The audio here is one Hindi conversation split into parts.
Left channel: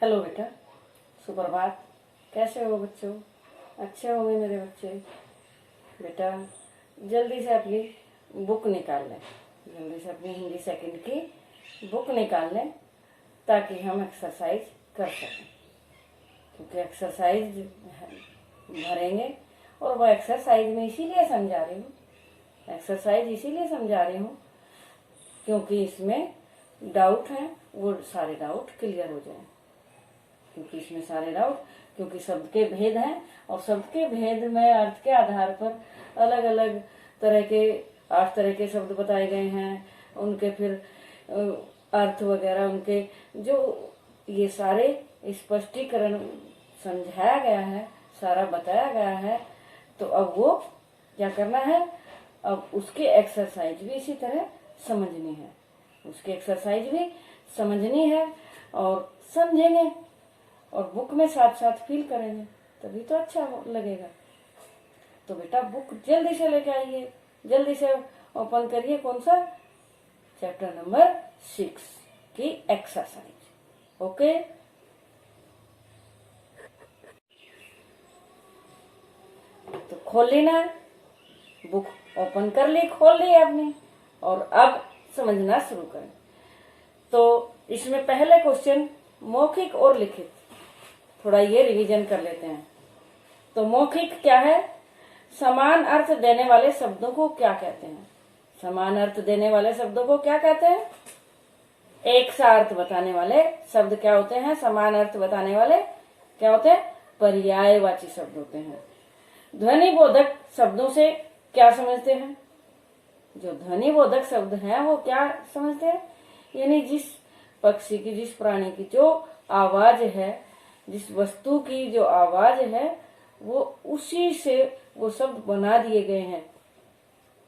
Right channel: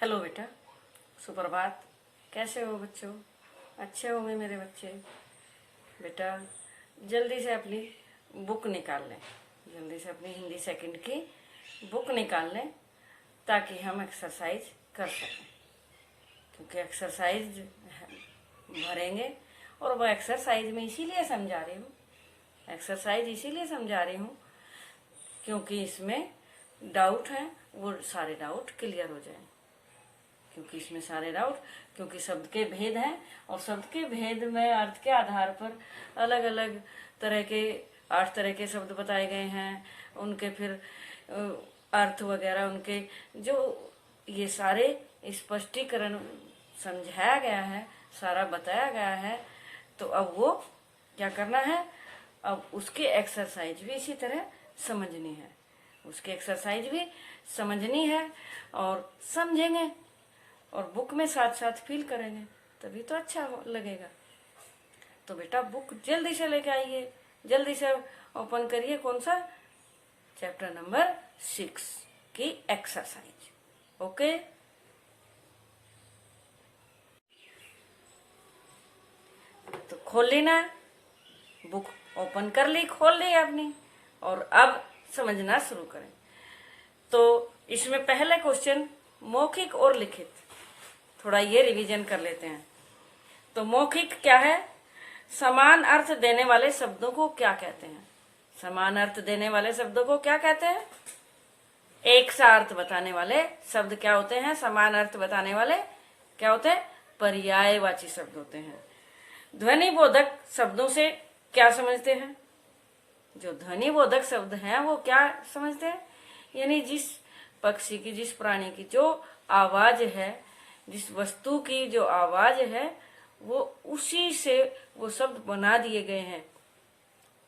हेलो बेटा, सुप्रभात। कैसे हो बच्चों? अच्छे होंगे मेरे बच्चे। बेटा जल्दी से अपनी बुक निकाल लें, जल्दी से अपनी हिंदी सेकंड की बुक निकाल लें ताकि हम एक्सरसाइज कर सकें, क्योंकि एक्सरसाइज भरेंगे और वह एक्सरसाइज में इसीलिए समझा रही हूँ, एक्सरसाइज इसीलिए समझा रही हूँ क्योंकि इसमें डाउट हैं, वो सारे डाउट क्लियर हो जाएं। क्योंकि इसमें सारे डाउट, क्योंकि शब्द के भेद हैं और शब्द के भेद में अर्थ के आधार पर अलग अलग तरह के 8 तरह के शब्द बताए गए हैं, उनके फिर अर्थ वगैरह, उनके जो ये सारे स्पष्टीकरण समझाया गया है, सारा बताया गया है। तो अब वो क्या करना है, अब उसकी एक्सरसाइज भी इसी तरह समझनी है, उसकी एक्सरसाइज भी समझनी है और समझेंगे और बुक में साथ साथ फील करेंगे, तभी तो अच्छा लगेगा। तो बेटा बुक जल्दी से लेके आइए, जल्दी से ओपन करिए। कौन सा? चैप्टर नंबर 6 की एक्सरसाइज। ओके, तो खोल ली ना, बुक ओपन कर ली, खोल ली आपने, और अब समझना शुरू करें। तो इसमें पहले क्वेश्चन मौखिक और लिखित, थोड़ा ये रिवीजन कर लेते हैं। तो मौखिक क्या है? समान अर्थ देने वाले शब्दों को क्या कहते हैं? समान अर्थ देने वाले शब्दों को क्या कहते हैं? एक सा अर्थ बताने वाले शब्द क्या होते हैं? समान अर्थ बताने वाले क्या होते हैं? पर्यायवाची शब्द होते हैं। ध्वनि बोधक शब्दों से क्या समझते हैं? जो ध्वनि बोधक शब्द हैं वो क्या समझते हैं? यानी जिस पक्षी की, जिस प्राणी की जो आवाज है, जिस वस्तु की जो आवाज है, वो उसी से वो शब्द बना दिए गए हैं,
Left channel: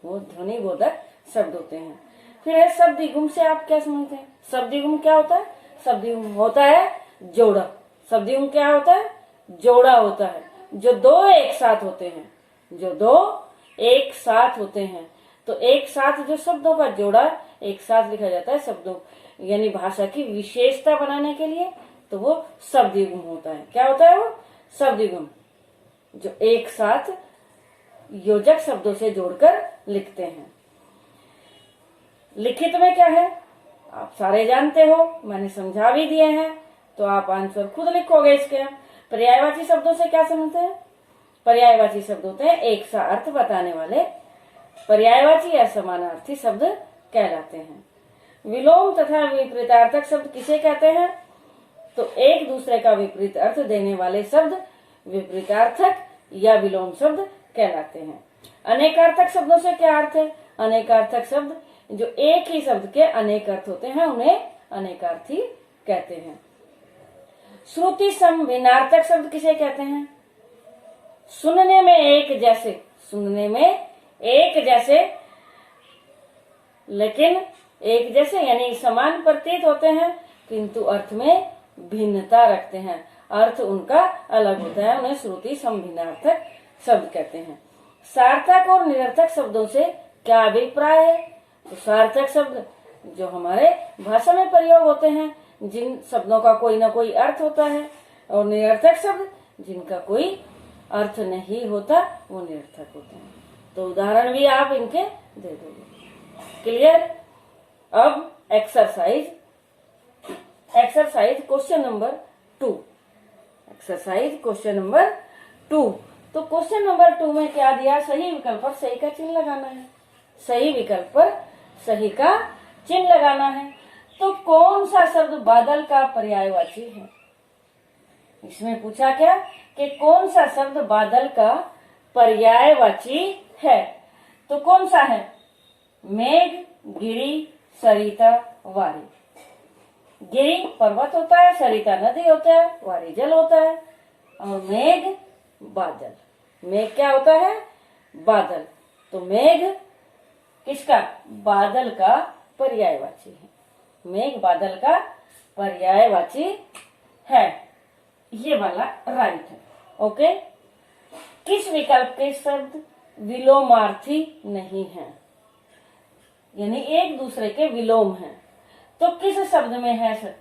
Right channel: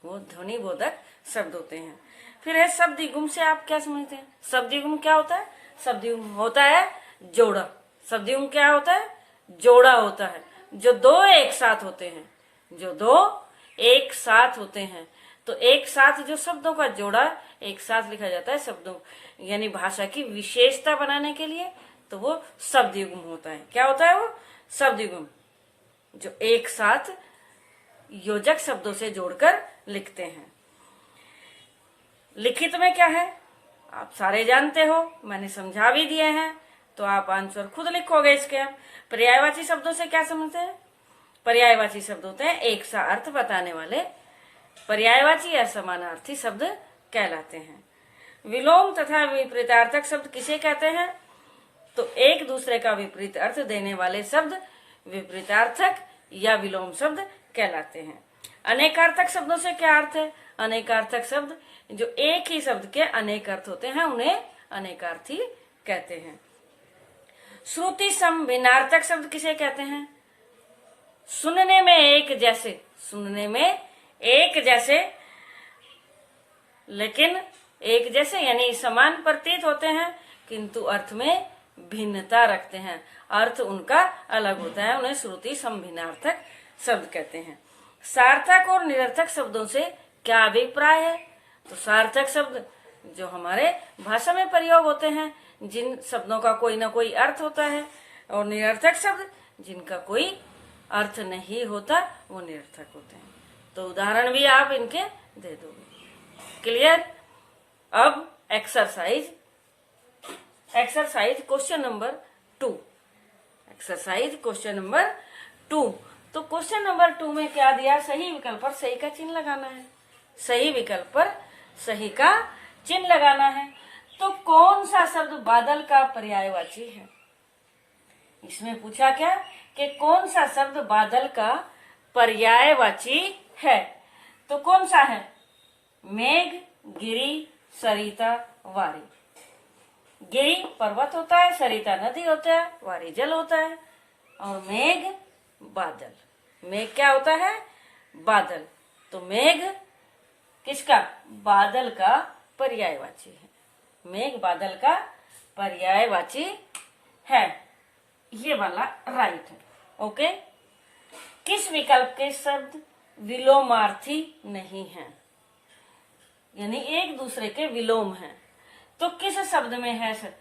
वो ध्वनि बोधक शब्द होते हैं। फिर है शब्दिगुम से आप क्या समझते हैं? शब्दिगुम क्या होता है? शब्दिगुम होता है जोड़ा। शब्दिगुम क्या होता है? जोड़ा होता है, जो दो एक साथ होते हैं, जो दो एक साथ होते हैं। तो एक साथ जो शब्दों का जोड़ा एक साथ लिखा जाता है शब्दों, यानी भाषा की विशेषता बनाने के लिए, तो वो शब्दयुग्म होता है। क्या होता है वो? शब्दयुग्म, जो एक साथ योजक शब्दों से जोड़कर लिखते हैं। लिखित में क्या है आप सारे जानते हो, मैंने समझा भी दिए हैं, तो आप आंसर खुद लिखोगे इसके। पर्यायवाची शब्दों से क्या समझते हैं? पर्यायवाची शब्द होते हैं एक सा अर्थ बताने वाले, पर्यायवाची या समानार्थी शब्द कहलाते हैं। विलोम तथा विपरीतार्थक शब्द किसे कहते हैं? तो एक दूसरे का विपरीत अर्थ देने वाले शब्द विपरीतार्थक या विलोम शब्द कहलाते हैं। अनेकार्थक शब्दों से क्या अर्थ है? अनेकार्थक शब्द जो एक ही शब्द के अनेक अर्थ होते हैं, उन्हें अनेकार्थी कहते हैं। श्रुति सम भिन्नार्थक शब्द किसे कहते हैं? सुनने में एक जैसे, सुनने में एक जैसे, लेकिन एक जैसे यानी समान प्रतीत होते हैं, किंतु अर्थ में भिन्नता रखते हैं, अर्थ उनका अलग होता है, उन्हें श्रुति समभिन्नार्थक शब्द कहते हैं। सार्थक और निरर्थक शब्दों से क्या अभिप्राय है? तो सार्थक शब्द जो हमारे भाषा में प्रयोग होते हैं, जिन शब्दों का कोई ना कोई अर्थ होता है, और निरर्थक शब्द जिनका कोई अर्थ नहीं होता, वो निरर्थक होते हैं। तो उदाहरण भी आप इनके दे दोगे। क्लियर? अब exercise question number 2, exercise question number 2। तो क्वेश्चन नंबर 2 में क्या दिया? सही विकल्प पर सही का चिन्ह लगाना है, सही विकल्प पर सही का चिन्ह लगाना है। तो कौन सा शब्द बादल का पर्यायवाची है? इसमें पूछा क्या कि कौन सा शब्द बादल का पर्यायवाची है? तो कौन सा है? मेघ, गिरी, सरिता, वारी। गिरी पर्वत होता है, सरिता नदी होता है, वारी जल होता है, और मेघ बादल। मेघ क्या होता है? बादल। तो मेघ किसका? बादल का पर्यायवाची है। मेघ बादल का पर्यायवाची है, ये वाला राइट है। ओके। किस विकल्प के शब्द विलोमार्थी नहीं है, यानी एक दूसरे के विलोम हैं? तो किस शब्द में है सर?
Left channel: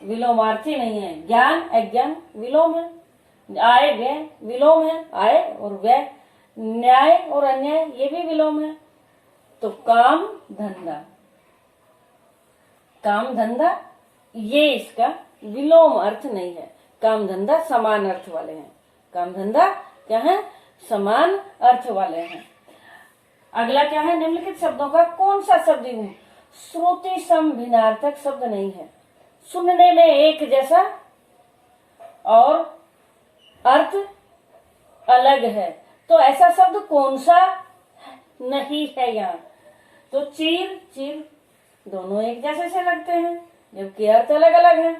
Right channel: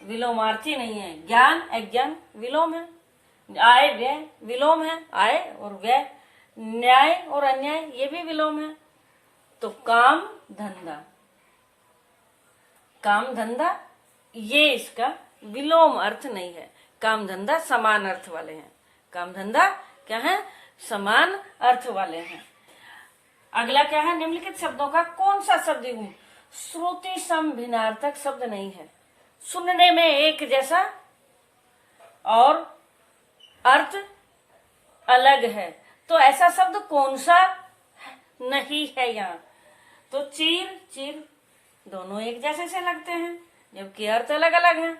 विलोमार्थी नहीं है। ज्ञान अज्ञान विलोम है, आय व्यय विलोम है, आय और व्यय। न्याय और अन्याय ये भी विलोम है। तो काम धंधा, काम धंधा ये इसका विलोम अर्थ नहीं है। काम धंधा समान अर्थ वाले हैं। काम धंधा क्या है? समान अर्थ वाले हैं। अगला क्या है? निम्नलिखित शब्दों का कौन सा शब्द युग्म श्रुति सम भिन्नार्थक शब्द नहीं है? सुनने में एक जैसा और अर्थ अलग है, तो ऐसा शब्द कौन सा नहीं है यहाँ? तो चीर चीर दोनों एक जैसे से लगते हैं, जबकि अर्थ अलग अलग है।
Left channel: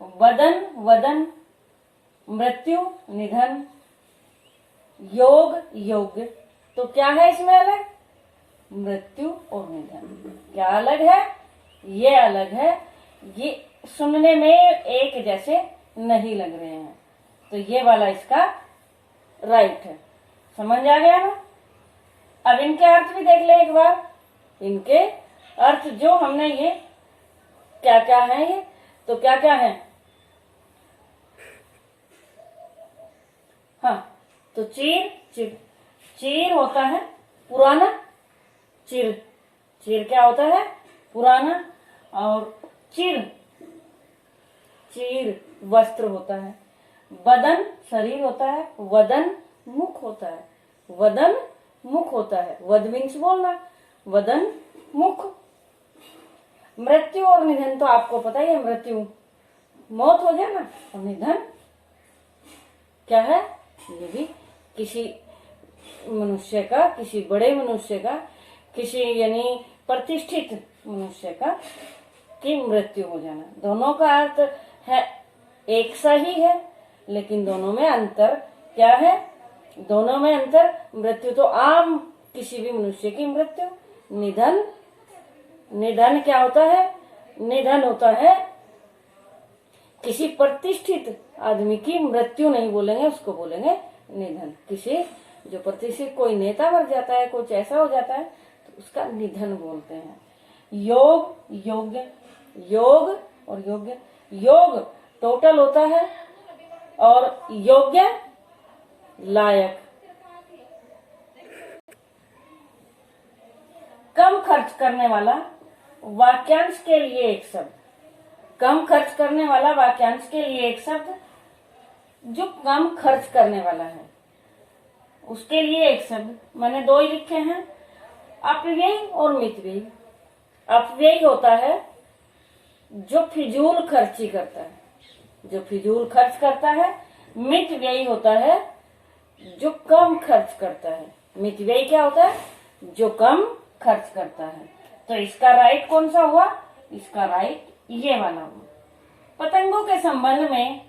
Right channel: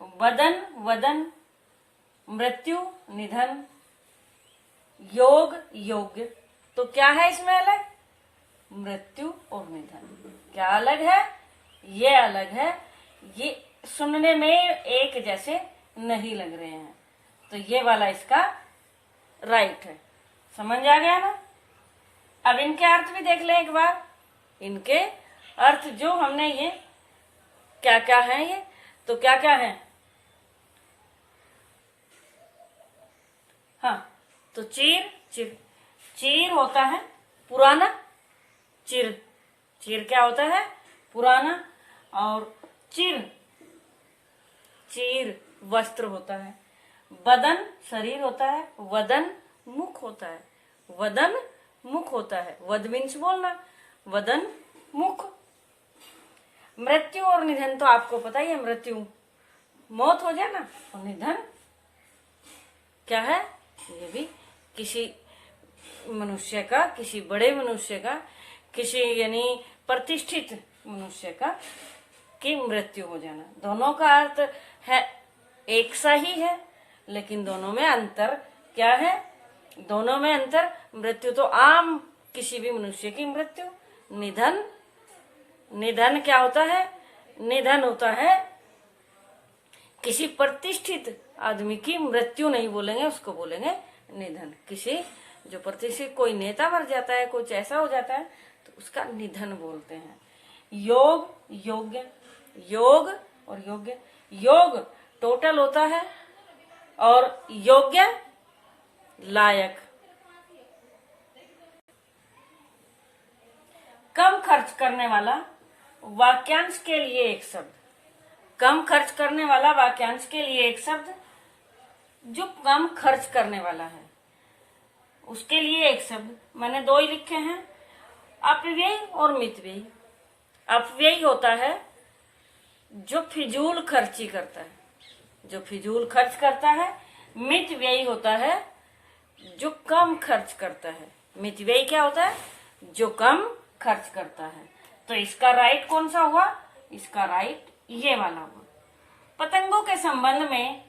वदन वदन, मृत्यु निधन, योग योग्य, तो क्या है इसमें अलग? मृत्यु और निधन। क्या अलग है? ये अलग है। ये सुनने में एक जैसे नहीं लग रहे हैं, तो ये वाला इसका राइट है। समझ आ गया ना? अब इनके अर्थ भी देख ले एक बार। इनके अर्थ जो हमने ये क्या क्या है, ये तो क्या क्या है? हाँ, तो चीर चिर, चीर होता है पुराना, चिर चिर क्या होता है? पुराना। और चिर चीर वस्त्र होता है। बदन शरीर होता है, वदन मुख होता है। वदन मुख होता है, वद मीन्स बोलना, वदन मुख। मृत्यु और निधन तो आपको पता ही है, मृत्यु मौत हो जाए ना, और निधन क्या है? ये भी किसी मनुष्य का, किसी बड़े मनुष्य का, किसी यानी प्रतिष्ठित मनुष्य का की मृत्यु हो जाना। दोनों का अर्थ है एक सा ही है, लेकिन दोनों में अंतर क्या है? दोनों में अंतर, मृत्यु तो आम किसी भी मनुष्य की मृत्यु। निधन, निधन क्या होता है? निधन होता है किसी प्रतिष्ठित आदमी की मृत्यु नहीं बोलेंगे, उसको बोलेंगे निधन। किसी जो प्रतिष्ठित, कोई नेता मर जाता है, कुछ ऐसा हो जाता है, तो उसका निधन बोलते हैं। योग योग्य, योग और योग्य, योग टोटल होता है और योग्य लायक। कम खर्च करने वाला वाक्यांश के लिए एक शब्द। कम खर्च करने वाला वाक्यांश के लिए एक शब्द, जो कम खर्च करने वाला है उसके लिए एक शब्द। मैंने दो ही लिखे हैं, अपव्यय और मितव्ययी। अपव्यय होता है जो फिजूल खर्ची करता है, जो फिजूल खर्च करता है। मितव्ययी होता है जो कम खर्च करता है। मितव्ययी क्या होता है? जो कम खर्च करता है। तो इसका राइट कौन सा हुआ? इसका राइट ये वाला हुआ। पतंगों के संबंध में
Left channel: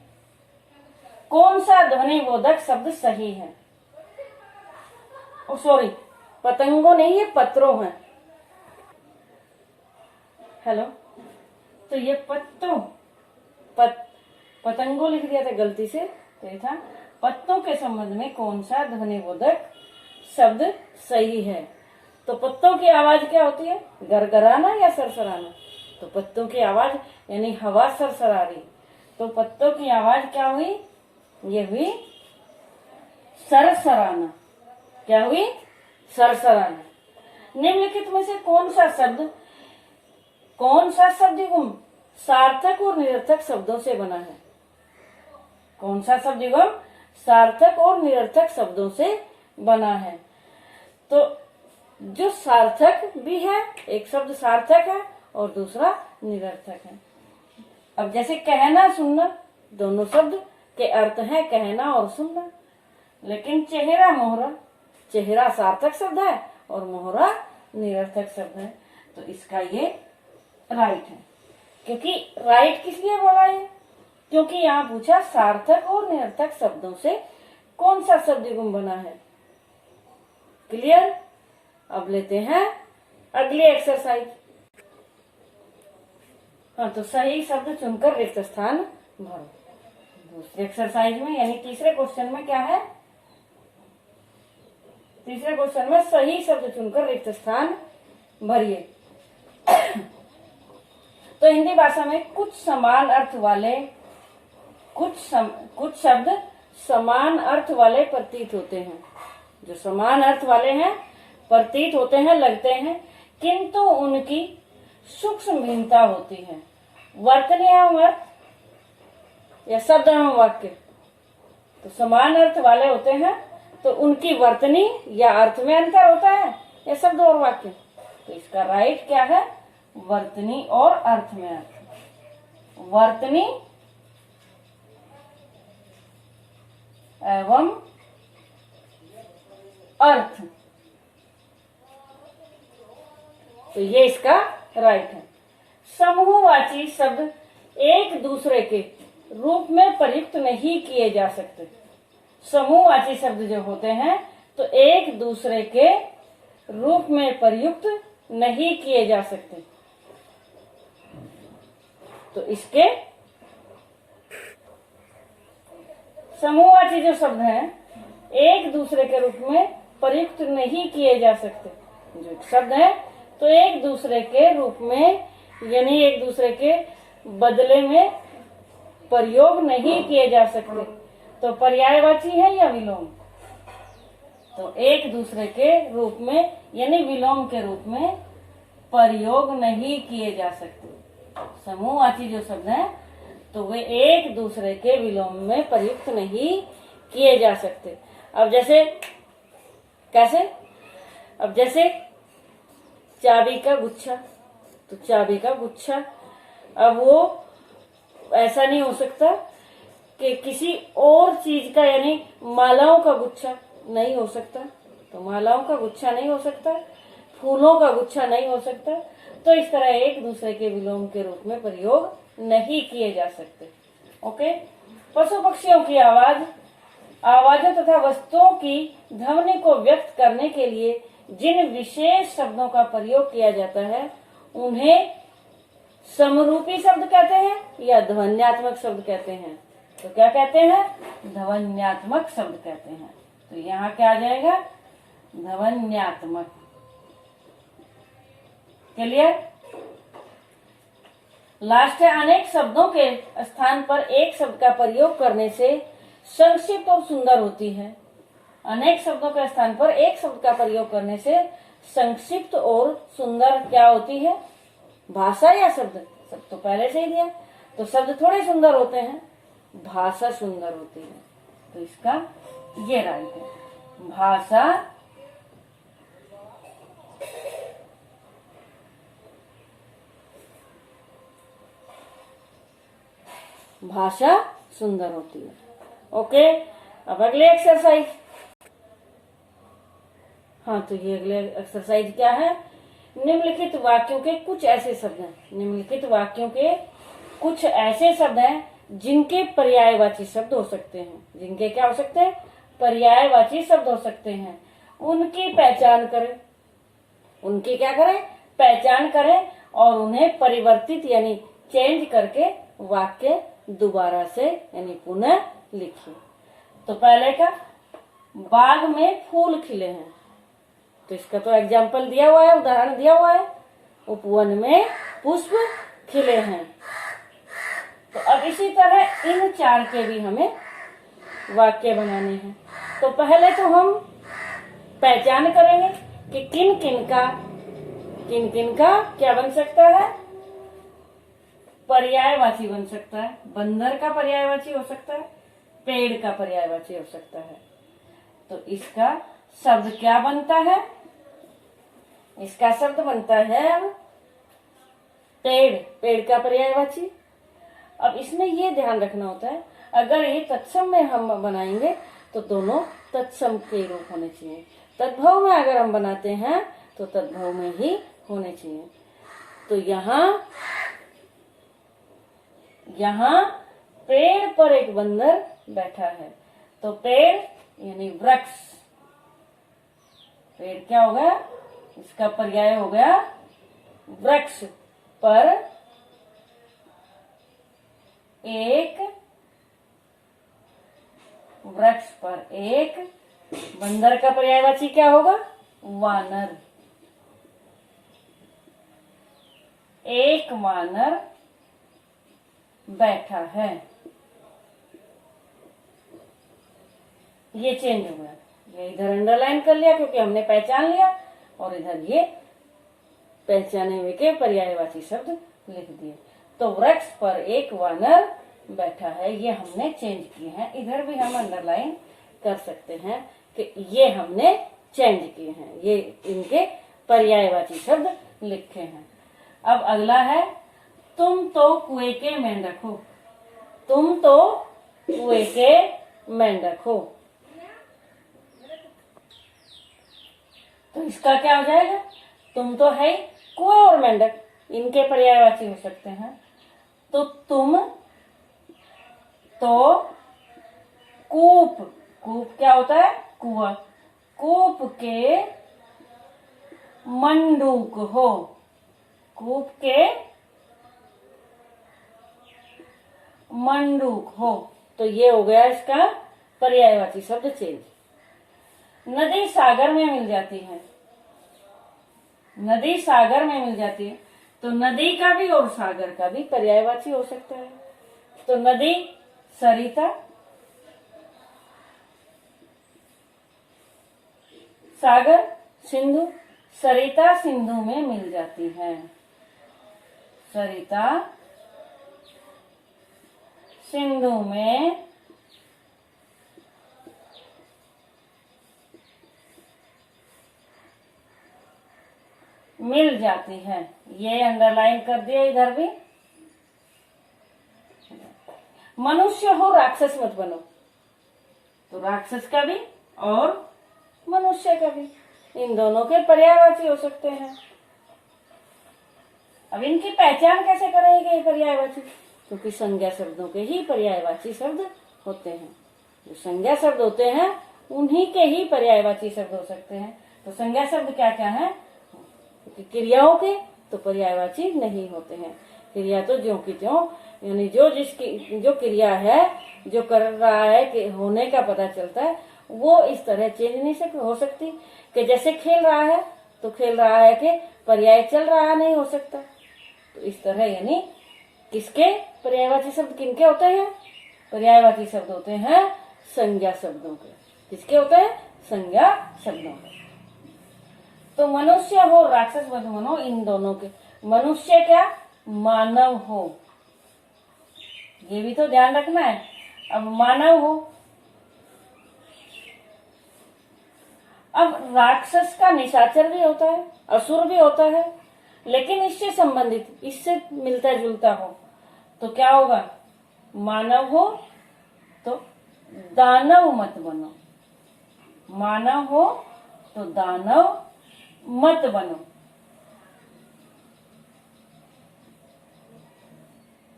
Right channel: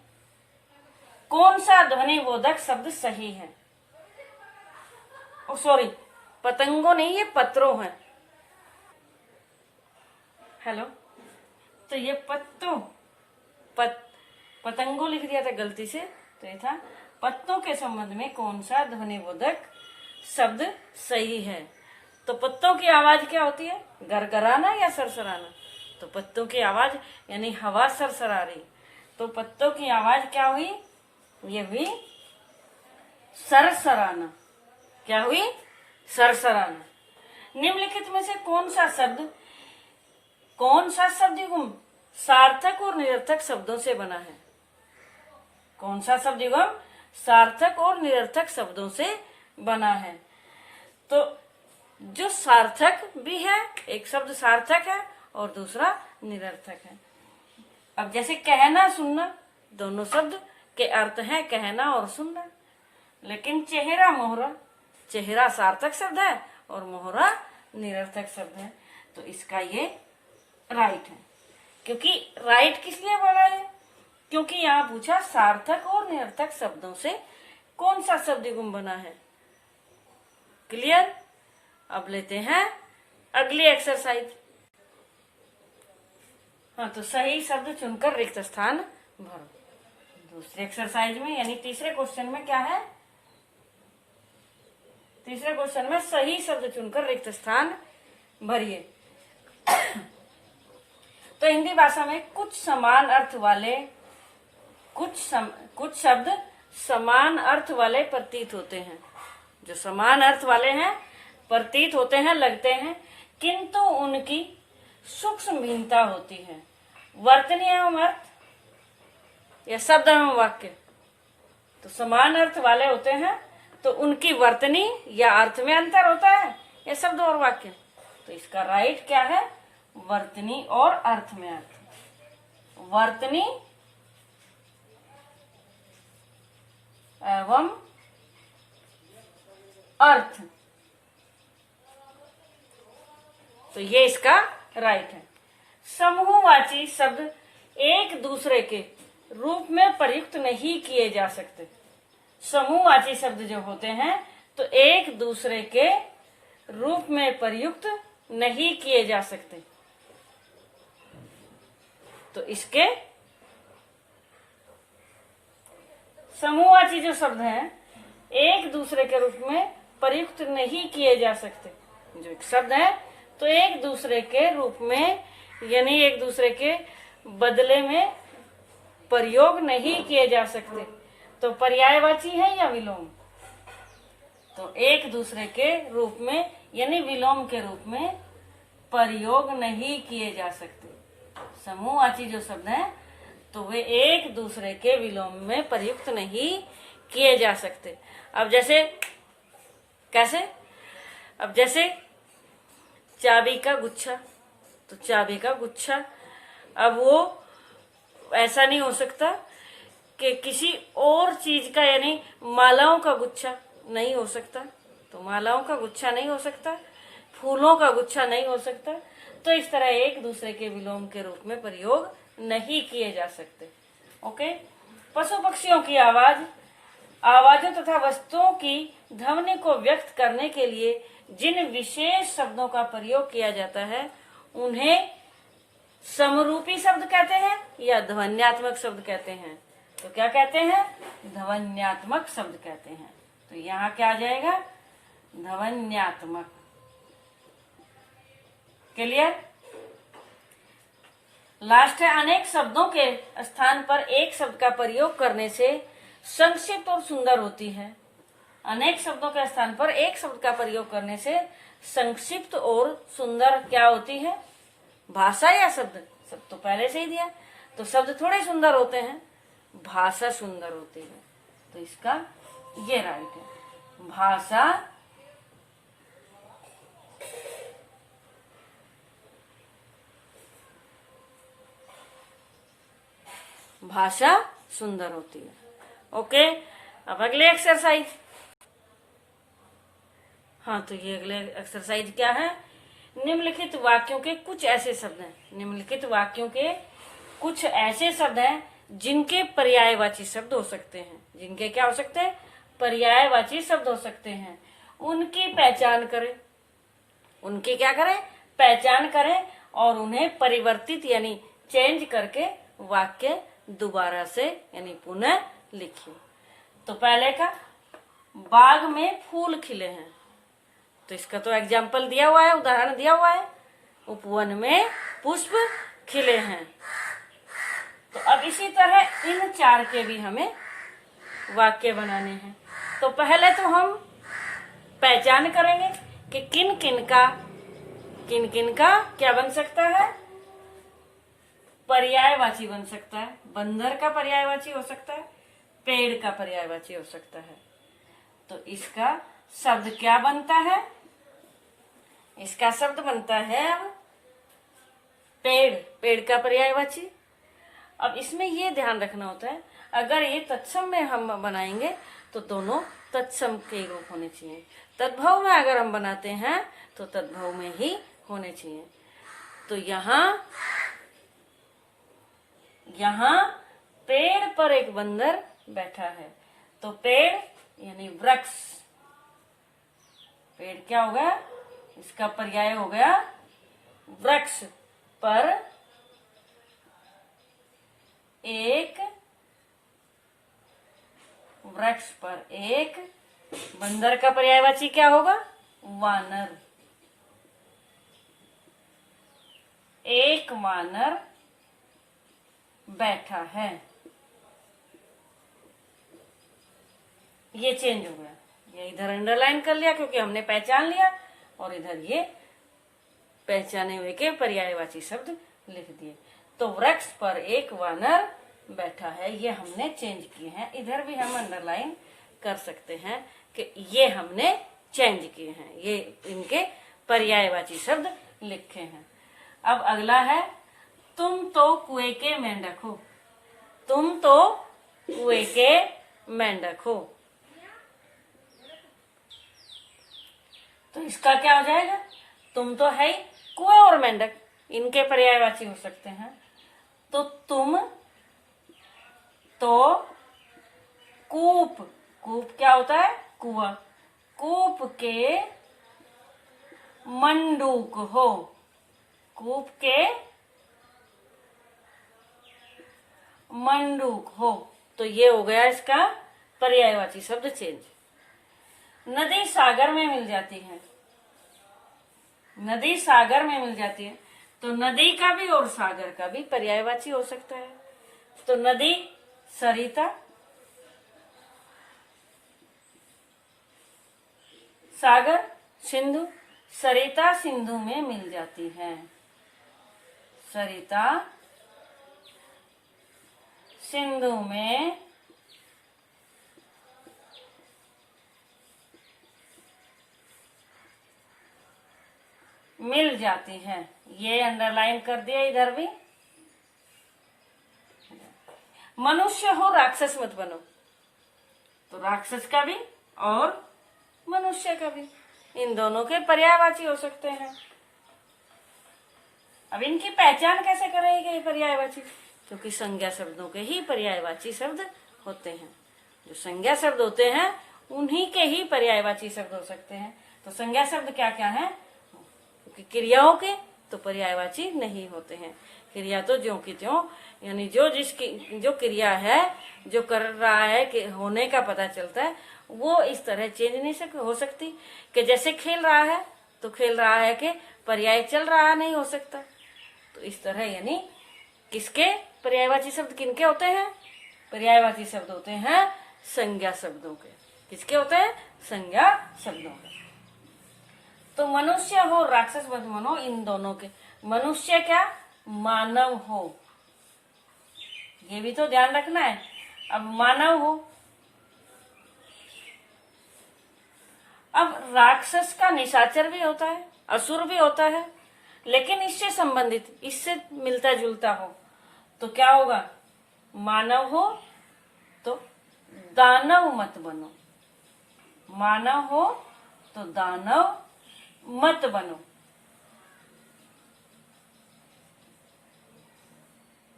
कौन सा ध्वनिबोधक शब्द सही है? सॉरी, पतंगों नहीं, ये पत्रों हैं। हेलो, तो ये पतंगों लिख दिया था गलती से, तो ये था पत्तों के संबंध में कौन सा ध्वनिबोधक शब्द सही है? तो पत्तों की आवाज क्या होती है? गरगराना या सरसराना? तो पत्तों की आवाज यानी हवा सरसरा रही, तो पत्तों की आवाज क्या हुई? ये हुई सरसराना। क्या हुई? सरसराना। निम्नलिखित में से कौन सा शब्द युग्म सार्थक और निरर्थक शब्दों से बना है? कौन सा शब्द युग्म सार्थक और निरर्थक शब्दों से बना है? तो जो सार्थक भी है, एक शब्द सार्थक है और दूसरा निरर्थक है। अब जैसे कहना सुनना, दोनों शब्द के अर्थ हैं कहना और सुनना, लेकिन चेहरा मोहरा, चेहरा सार्थक शब्द है और मोहरा निरर्थक शब्द है। तो इसका ये राइट है। क्योंकि राइट किस लिए बोला है? क्योंकि यहाँ पूछा सार्थक और निरर्थक शब्दों से कौन सा शब्द युग्म बना है। क्लियर? अब लेते हैं अगली एक्सरसाइज। हाँ, तो सही शब्द चुनकर रिक्त स्थान भरो। दूसरी एक्सरसाइज में यानी तीसरे क्वेश्चन में क्या है? तीसरे क्वेश्चन में सही शब्द चुनकर रिक्त स्थान भरिए। तो हिंदी भाषा में कुछ समान अर्थ वाले कुछ शब्द समान अर्थ वाले प्रतीत होते हैं, जो समान अर्थ वाले हैं, प्रतीत होते हैं, लगते हैं, किंतु उनकी सूक्ष्म भिन्नता होती है। वर्तनी एवं अर्थ या शब्द एवं वाक्य तो समान अर्थ वाले होते हैं, तो उनकी वर्तनी या अर्थ में अंतर होता है या शब्द और वाक्य। तो इसका राइट क्या है? वर्तनी और अर्थ में अर्थ। वर्तनी एवं अर्थ, तो ये इसका राइट है। समूहवाची शब्द एक दूसरे के रूप में प्रयुक्त नहीं किए जा सकते। समूहवाची शब्द जो होते हैं तो एक दूसरे के रूप में प्रयुक्त नहीं किए जा सकते। तो इसके समूहवाची जो शब्द हैं एक दूसरे के रूप में प्रयुक्त नहीं किए जा सकते। जो एक शब्द है तो एक दूसरे के रूप में यानी एक दूसरे के बदले में प्रयोग नहीं किए जा सकते। तो पर्यायवाची है या विलोम? तो एक दूसरे के रूप में यानी विलोम के रूप में प्रयोग नहीं किए जा सकते। समूहवाची जो शब्द हैं तो वे एक दूसरे के विलोम में प्रयुक्त नहीं किए जा सकते। अब जैसे कैसे? अब जैसे चाबी का गुच्छा, तो चाबी का गुच्छा, अब वो ऐसा नहीं हो सकता कि किसी और चीज का, यानी मालाओं का गुच्छा नहीं हो सकता। तो मालाओं का गुच्छा नहीं हो सकता, फूलों का गुच्छा नहीं हो सकता। तो इस तरह एक दूसरे के विलोम के रूप में प्रयोग नहीं किए जा सकते। ओके। पशु पक्षियों की आवाज, आवाजों तथा वस्तुओं की ध्वनि को व्यक्त करने के लिए जिन विशेष शब्दों का प्रयोग किया जाता है उन्हें समरूपी शब्द कहते हैं या ध्वन्यात्मक शब्द कहते हैं। तो क्या कहते हैं? ध्वन्यात्मक शब्द कहते हैं। तो यहाँ क्या आ जाएगा? ध्वन्यात्मक। क्लियर? लास्ट है, अनेक शब्दों के स्थान पर एक शब्द का प्रयोग करने से संक्षिप्त और सुंदर होती है। अनेक शब्दों के स्थान पर एक शब्द का प्रयोग करने से संक्षिप्त और सुंदर क्या होती है? भाषा या शब्द? शब्द तो पहले से ही दिया, तो शब्द थोड़े सुंदर होते हैं, भाषा सुंदर होती है। तो इसका ये राइट है, भाषा सुंदर होती है। ओके। अब अगले एक्सरसाइज। हाँ, तो ये अगले एक्सरसाइज क्या है? निम्नलिखित वाक्यों के कुछ ऐसे शब्द हैं, निम्नलिखित वाक्यों के कुछ ऐसे शब्द हैं जिनके पर्यायवाची शब्द हो सकते हैं। जिनके क्या हो सकते हैं? पर्यायवाची शब्द हो सकते हैं। उनकी पहचान करें। उनकी क्या करें? पहचान करें और उन्हें परिवर्तित यानी चेंज करके वाक्य दोबारा से यानी पुनः लिखिए। तो पहले का, बाग में फूल खिले हैं। तो इसका तो एग्जाम्पल दिया हुआ है, उदाहरण दिया हुआ है, उपवन में पुष्प खिले हैं। तो अब इसी तरह इन चार के भी हमें वाक्य बनाने हैं। तो पहले तो हम पहचान करेंगे कि किन किन का क्या बन सकता है? पर्यायवाची बन सकता है। बंदर का पर्यायवाची हो सकता है, पेड़ का पर्यायवाची हो सकता है। तो इसका शब्द क्या बनता है? इसका शब्द बनता है पेड़, पेड़ का पर्यायवाची। अब इसमें ये ध्यान रखना होता है, अगर ये तत्सम में हम बनाएंगे तो दोनों तत्सम के रूप होने चाहिए। तद्भव में अगर हम बनाते हैं तो तद्भव में ही होने चाहिए। तो यहाँ पेड़ पर एक बंदर बैठा है। तो पेड़ यानी वृक्ष, पेड़ क्या हो गया? इसका पर्याय हो गया वृक्ष। पर एक, वृक्ष पर एक, बंदर का पर्यायवाची क्या होगा? वानर। एक वानर बैठा है, ये चेंज हो गया। ये इधर अंडरलाइन कर लिया क्योंकि हमने पहचान लिया, और इधर ये पहचाने हुए के पर्यायवाची शब्द लिख दिए। तो वृक्ष पर एक वानर बैठा है, ये हमने चेंज किए हैं। इधर भी हम अंडरलाइन कर सकते हैं कि ये हमने चेंज किए हैं, ये इनके पर्यायवाची शब्द लिखे हैं। अब अगला है, तुम तो कुएं के मेंढक हो। तुम तो कुएं के मेंढक हो, तो इसका क्या हो जाएगा? तुम तो है कुएं और मेंढक, इनके पर्यायवाची हो सकते हैं। तो तुम तो कूप, कूप क्या होता है? कुआं। कूप के मंडूक हो, कूप के मंडूक हो, तो ये हो गया इसका पर्यायवाची शब्द चेंज। नदी सागर में मिल जाती है, नदी सागर में मिल जाती है, तो नदी का भी और सागर का भी पर्यायवाची हो सकता है। तो नदी सरिता, सागर सिंधु। सरिता सिंधु में मिल जाती है, सरिता सिंधु में मिल जाती है, ये अंडरलाइन कर दिया इधर भी। मनुष्य हो राक्षस मत बनो, तो राक्षस का भी और मनुष्य का भी, इन दोनों के पर्यायवाची हो सकते हैं। अब इनकी पहचान कैसे करेंगे पर्यायवाची? क्योंकि संज्ञा शब्दों के ही पर्यायवाची शब्द होते हैं, जो संज्ञा शब्द होते हैं उन्हीं के ही पर्यायवाची शब्द हो सकते हैं। तो संज्ञा शब्द क्या क्या है? क्योंकि क्रियाओं के तो पर्यायवाची नहीं होते हैं, क्रिया तो ज्यों की त्यों, यानी जो क्रिया है, जो कर रहा है कि होने का पता चलता है, वो इस तरह चेंज नहीं हो सकती कि जैसे खेल रहा है तो खेल रहा है कि पर्याय चल रहा नहीं हो सकता। तो इस तरह यानी किसके पर्यायवाची शब्द किनके होते हैं? पर्यायवाची शब्द होते हैं संज्ञा शब्दों के। किसके होते हैं? संज्ञा शब्दों के। तो मनुष्य हो राक्षस मत बनो, इन दोनों के। मनुष्य क्या? मानव हो, ये भी तो ध्यान रखना है। अब मानव हो, अब राक्षस का निशाचर भी होता है, असुर भी होता है, लेकिन इससे संबंधित, इससे मिलता जुलता हो तो क्या होगा? मानव हो तो दानव मत बनो, मानव हो तो दानव मत बनो।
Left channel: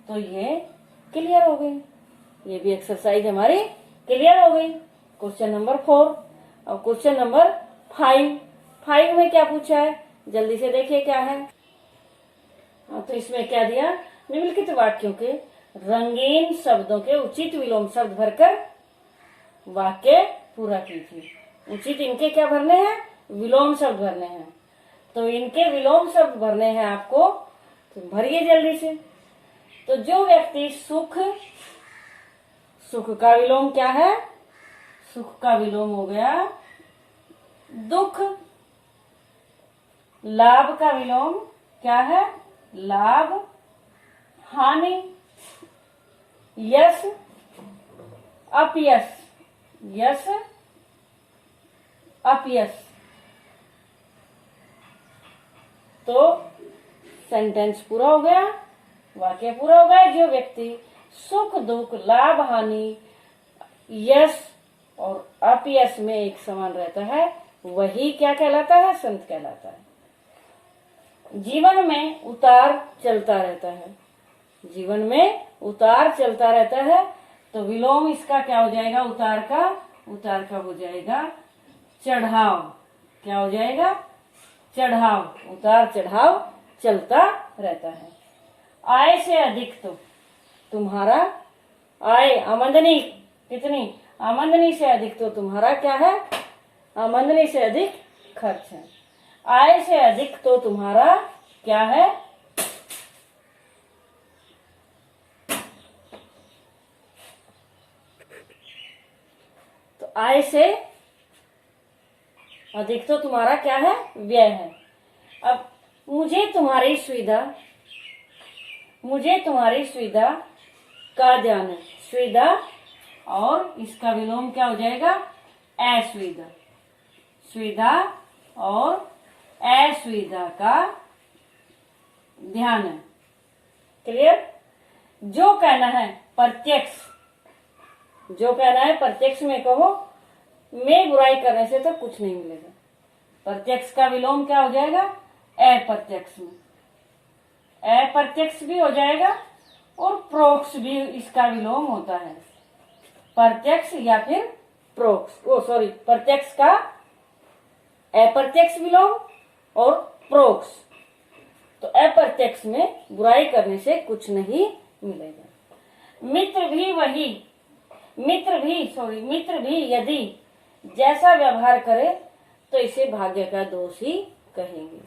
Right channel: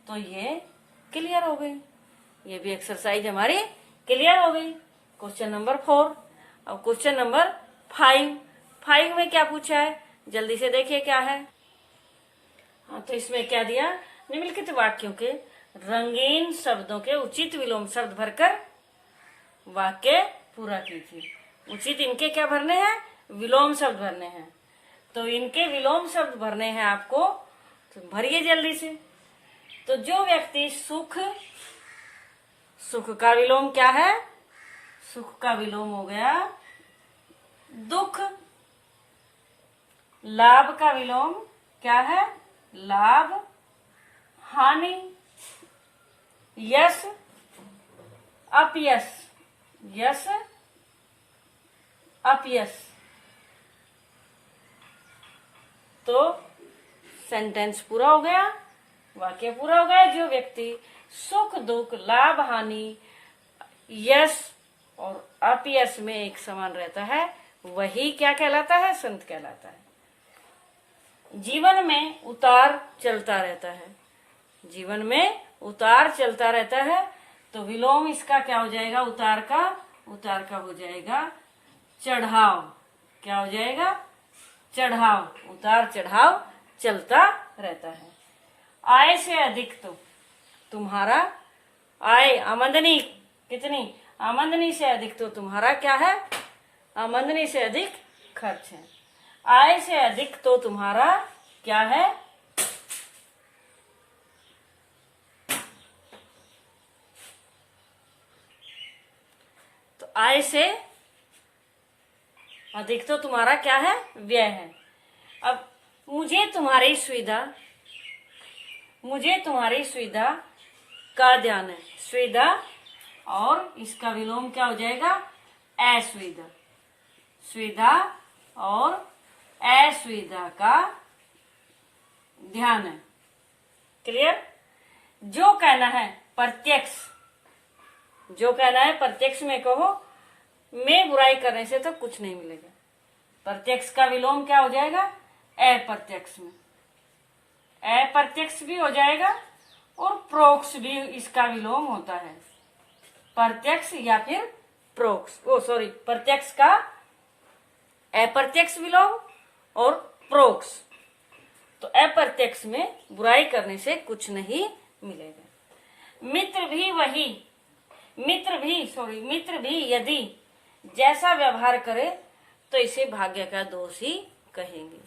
तो ये क्लियर हो गई, ये भी एक्सरसाइज हमारी क्लियर हो गई। Question number 4। अब क्वेश्चन नंबर 5 में क्या पूछा है, जल्दी से देखिए क्या है। हाँ, तो इसमें क्या दिया? निम्नलिखित वाक्यों के रंगीन शब्दों के उचित विलोम शब्द भरकर वाक्य पूरा कीजिए। उचित इनके क्या भरने हैं? विलोम शब्द भरने हैं। तो इनके विलोम शब्द भरने हैं आपको, तो भरिए जल्दी से। तो जो व्यक्ति सुख, सुख का विलोम क्या है? सुख का विलोम हो गया दुख। लाभ का विलोम क्या है? लाभ। हानि, यश, अपयश, यश, अपयश। तो सेंटेंस पूरा हो गया, वाक्य पूरा हो गया। जो व्यक्ति सुख दुख, लाभ हानि, यश और अपयश में एक समान रहता है, वही क्या कहलाता है? संत कहलाता है। जीवन में उतार चलता रहता है, जीवन में उतार चलता रहता है, तो विलोम इसका क्या हो जाएगा? उतार का हो जाएगा चढ़ाव। क्या हो जाएगा? चढ़ाव। उतार चढ़ाव चलता रहता है। आय से अधिक तो तुम्हारा, आय आमदनी कितनी? आमदनी से अधिक तो तुम्हारा क्या है? आमदनी से अधिक खर्च है। आय से अधिक तो तुम्हारा क्या है? आय से अधिक तो तुम्हारा क्या है, व्यय है। अब मुझे तुम्हारी सुविधा का ध्यान है, सुविधा और इसका विलोम क्या हो जाएगा, असुविधा। सुविधा और असुविधा का ध्यान है। क्लियर। जो कहना है प्रत्यक्ष, जो कहना है प्रत्यक्ष में कहो, में बुराई करने से तो कुछ नहीं मिलेगा। प्रत्यक्ष का विलोम क्या हो जाएगा, अप्रत्यक्ष में। अप्रत्यक्ष भी हो जाएगा और प्रोक्ष भी इसका विलोम होता है। प्रत्यक्ष या फिर प्रोक्ष, प्रत्यक्ष का अप्रत्यक्ष विलोम और प्रोक्ष। तो अप्रत्यक्ष में बुराई करने से कुछ नहीं मिलेगा। मित्र भी यदि जैसा व्यवहार करे तो इसे भाग्य का दोष ही कहेंगे।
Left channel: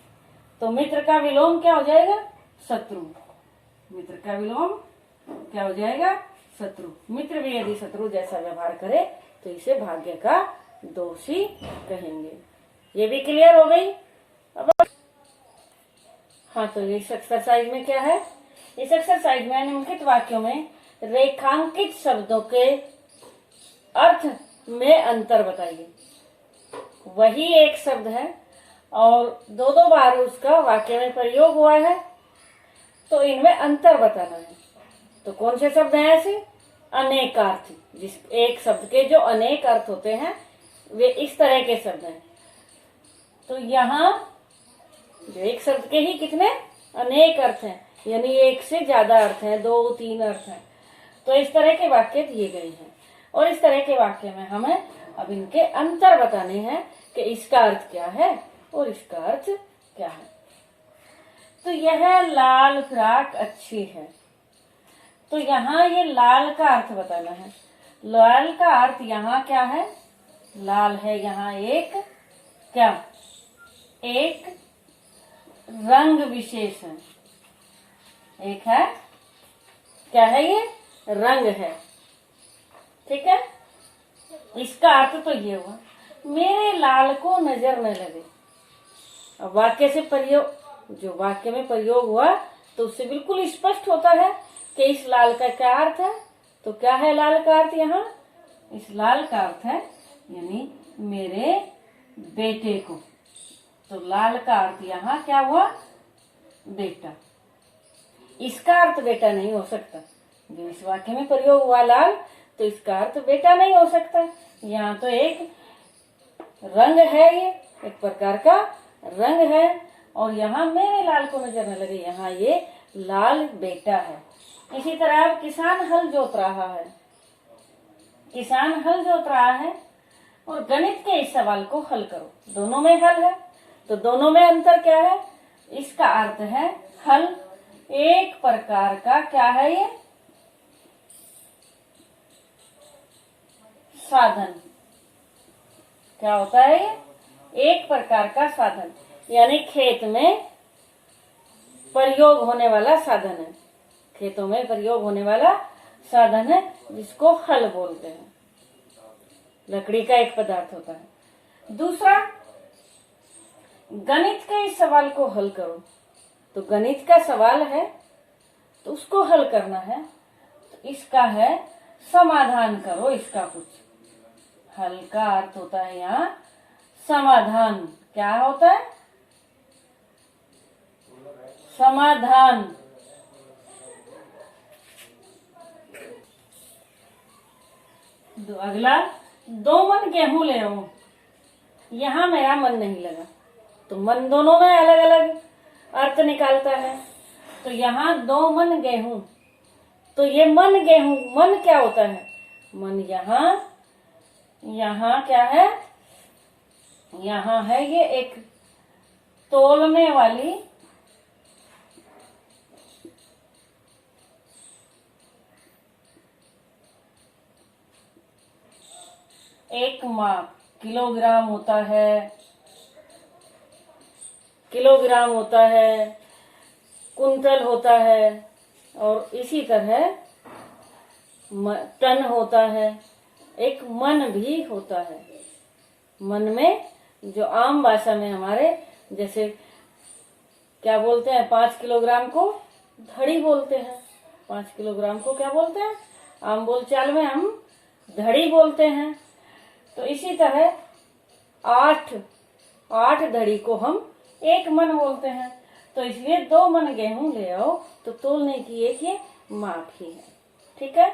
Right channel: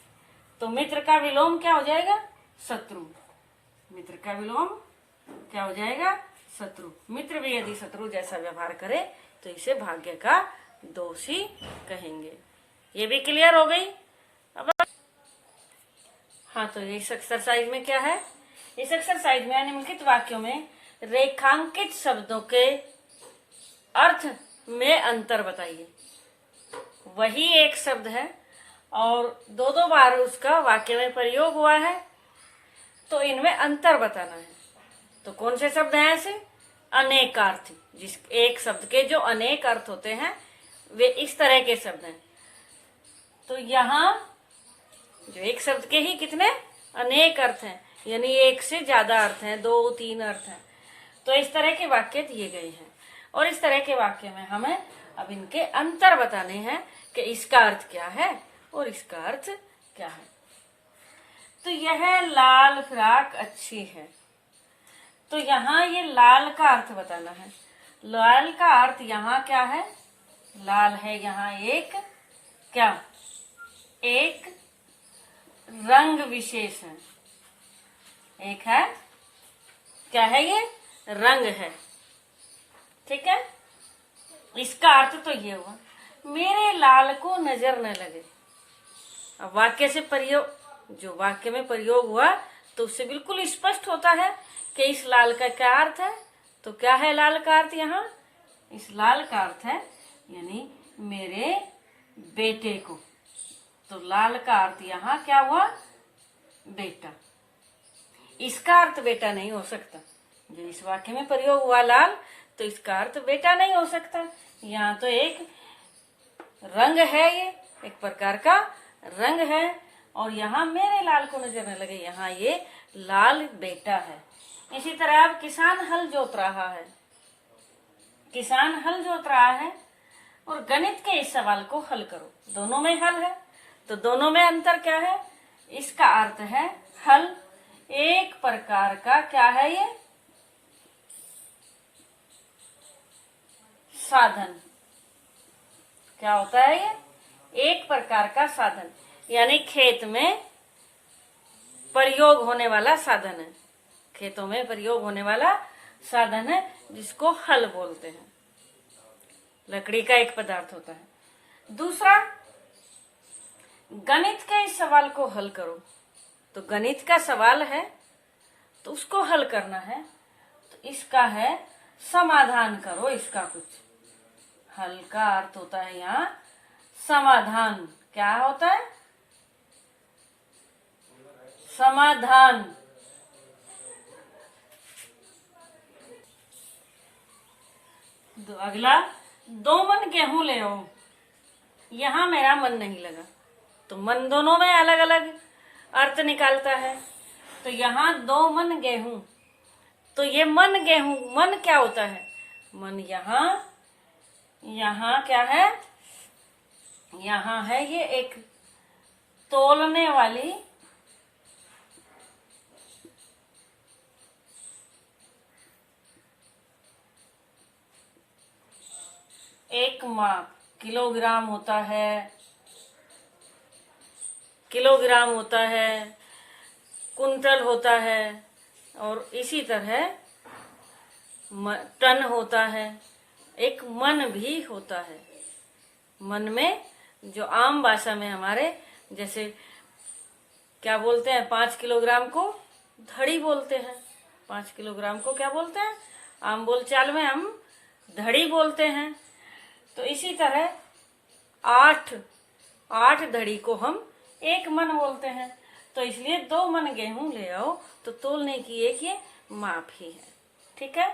तो मित्र का विलोम क्या हो जाएगा, शत्रु। मित्र का विलोम क्या हो जाएगा, शत्रु। मित्र भी यदि शत्रु जैसा व्यवहार करे तो इसे भाग्य का दोष ही कहेंगे। ये भी क्लियर हो गई। अब हाँ, तो इस एक्सरसाइज में क्या है, इस एक्सरसाइज में निम्नलिखित वाक्यों में रेखांकित शब्दों के अर्थ में अंतर बताइए। वही एक शब्द है और दो दो बार उसका वाक्य में प्रयोग हुआ है, तो इनमें अंतर बताना है। तो कौन से शब्द हैं ऐसे, अनेकार्थी। जिस एक शब्द के जो अनेक अर्थ होते हैं वे इस तरह के शब्द हैं। तो यहाँ जो एक शब्द के ही कितने अनेक अर्थ हैं, यानी एक से ज्यादा अर्थ हैं, 2-3 अर्थ हैं। तो इस तरह के वाक्य दिए गए हैं और इस तरह के वाक्य में हमें अब इनके अंतर बताने हैं कि इसका अर्थ क्या है और इसका अर्थ क्या है। तो यह लाल फ्रॉक अच्छी है। तो यहाँ ये लाल का अर्थ बताना है। लाल का अर्थ यहाँ क्या है, लाल है यहाँ एक क्या, एक रंग विशेष है। एक है क्या है, ये रंग है। ठीक है। इसका अर्थ तो ये हुआ, मेरे लाल को नजर न लगे। अब वाक्य से प्रयोग, जो वाक्य में प्रयोग हुआ तो उससे बिल्कुल स्पष्ट होता है कि इस लाल का क्या अर्थ है। तो क्या है लाल का अर्थ, यहाँ इस लाल का अर्थ है यानी मेरे बेटे को। तो लाल का अर्थ यहाँ क्या हुआ, बेटा। इसका अर्थ बेटा नहीं हो सकता। जब इस वाक्य में प्रयोग हुआ लाल, तो इसका अर्थ बेटा नहीं हो सकता। यहाँ तो एक रंग है, ये एक प्रकार का रंग है और यहाँ मेरे लाल को नजर न लगे, यहाँ ये लाल बेटा है। इसी तरह अब किसान हल जोत रहा है। किसान हल जोत रहा है और गणित के इस सवाल को हल करो। दोनों में हल है, तो दोनों में अंतर क्या है, इसका अर्थ है हल। एक प्रकार का क्या है, ये साधन। क्या होता है ये, एक प्रकार का साधन, यानी खेत में प्रयोग होने वाला साधन है। खेतों में प्रयोग होने वाला साधन है जिसको हल बोलते हैं। लकड़ी का एक पदार्थ होता है। दूसरा, गणित के इस सवाल को हल करो। तो गणित का सवाल है तो उसको हल करना है, तो इसका है समाधान करो। इसका कुछ हल का अर्थ होता है यहाँ समाधान। क्या होता है, समाधान। अगला, 2 मन गेहूं ले आओ। यहाँ मेरा मन नहीं लगा, तो मन दोनों में अलग अलग अर्थ निकालता है। तो यहाँ 2 मन गेहूं, तो ये मन गेहूं, मन क्या होता है, मन यहाँ क्या है, यहाँ है ये एक तोलने वाली एक माप, किलोग्राम होता है, किलोग्राम होता है, कुंटल होता है और इसी तरह टन होता है। एक मन भी होता है। मन में जो आम भाषा में हमारे जैसे क्या बोलते हैं, 5 किलोग्राम को धड़ी बोलते हैं। 5 किलोग्राम को क्या बोलते हैं, आम बोलचाल में हम धड़ी बोलते हैं। तो इसी तरह 8 धड़ी को हम 1 मन बोलते हैं। तो इसलिए 2 मन गेहूं ले आओ तो तोलने की एक ये माप ही है। ठीक है।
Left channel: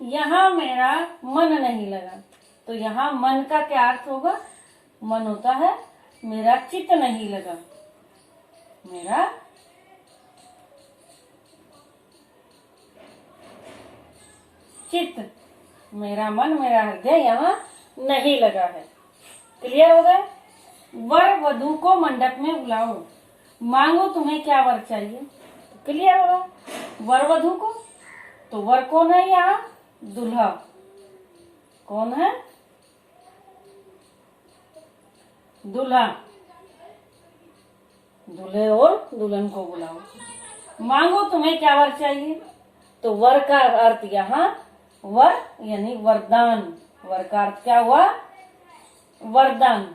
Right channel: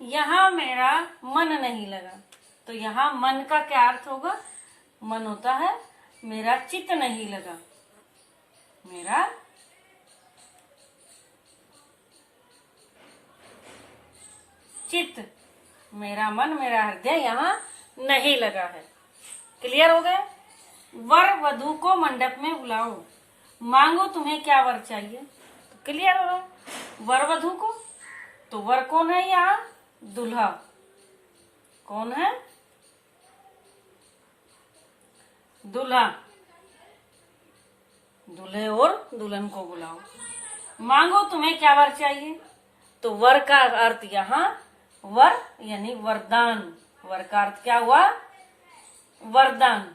यहाँ मेरा मन नहीं लगा, तो यहाँ मन का क्या अर्थ होगा, मन होता है मेरा चित्त नहीं लगा, मेरा चित्त, मेरा मन, मेरा हृदय यहाँ नहीं लगा है। क्लियर हो गया। वर वधु को मंडप में बुलाओ, मांगो तुम्हें क्या वर चाहिए। तो क्लियर हो गया। वर वधु को, तो वर कौन है यहाँ, दूल्हा। कौन है, दूल्हा। दूल्हे और दुल्हन को बुलाओ, मांगो तुम्हें क्या वर चाहिए। तो वर का अर्थ यहाँ वर यानी वरदान। वर का अर्थ क्या हुआ, वरदान।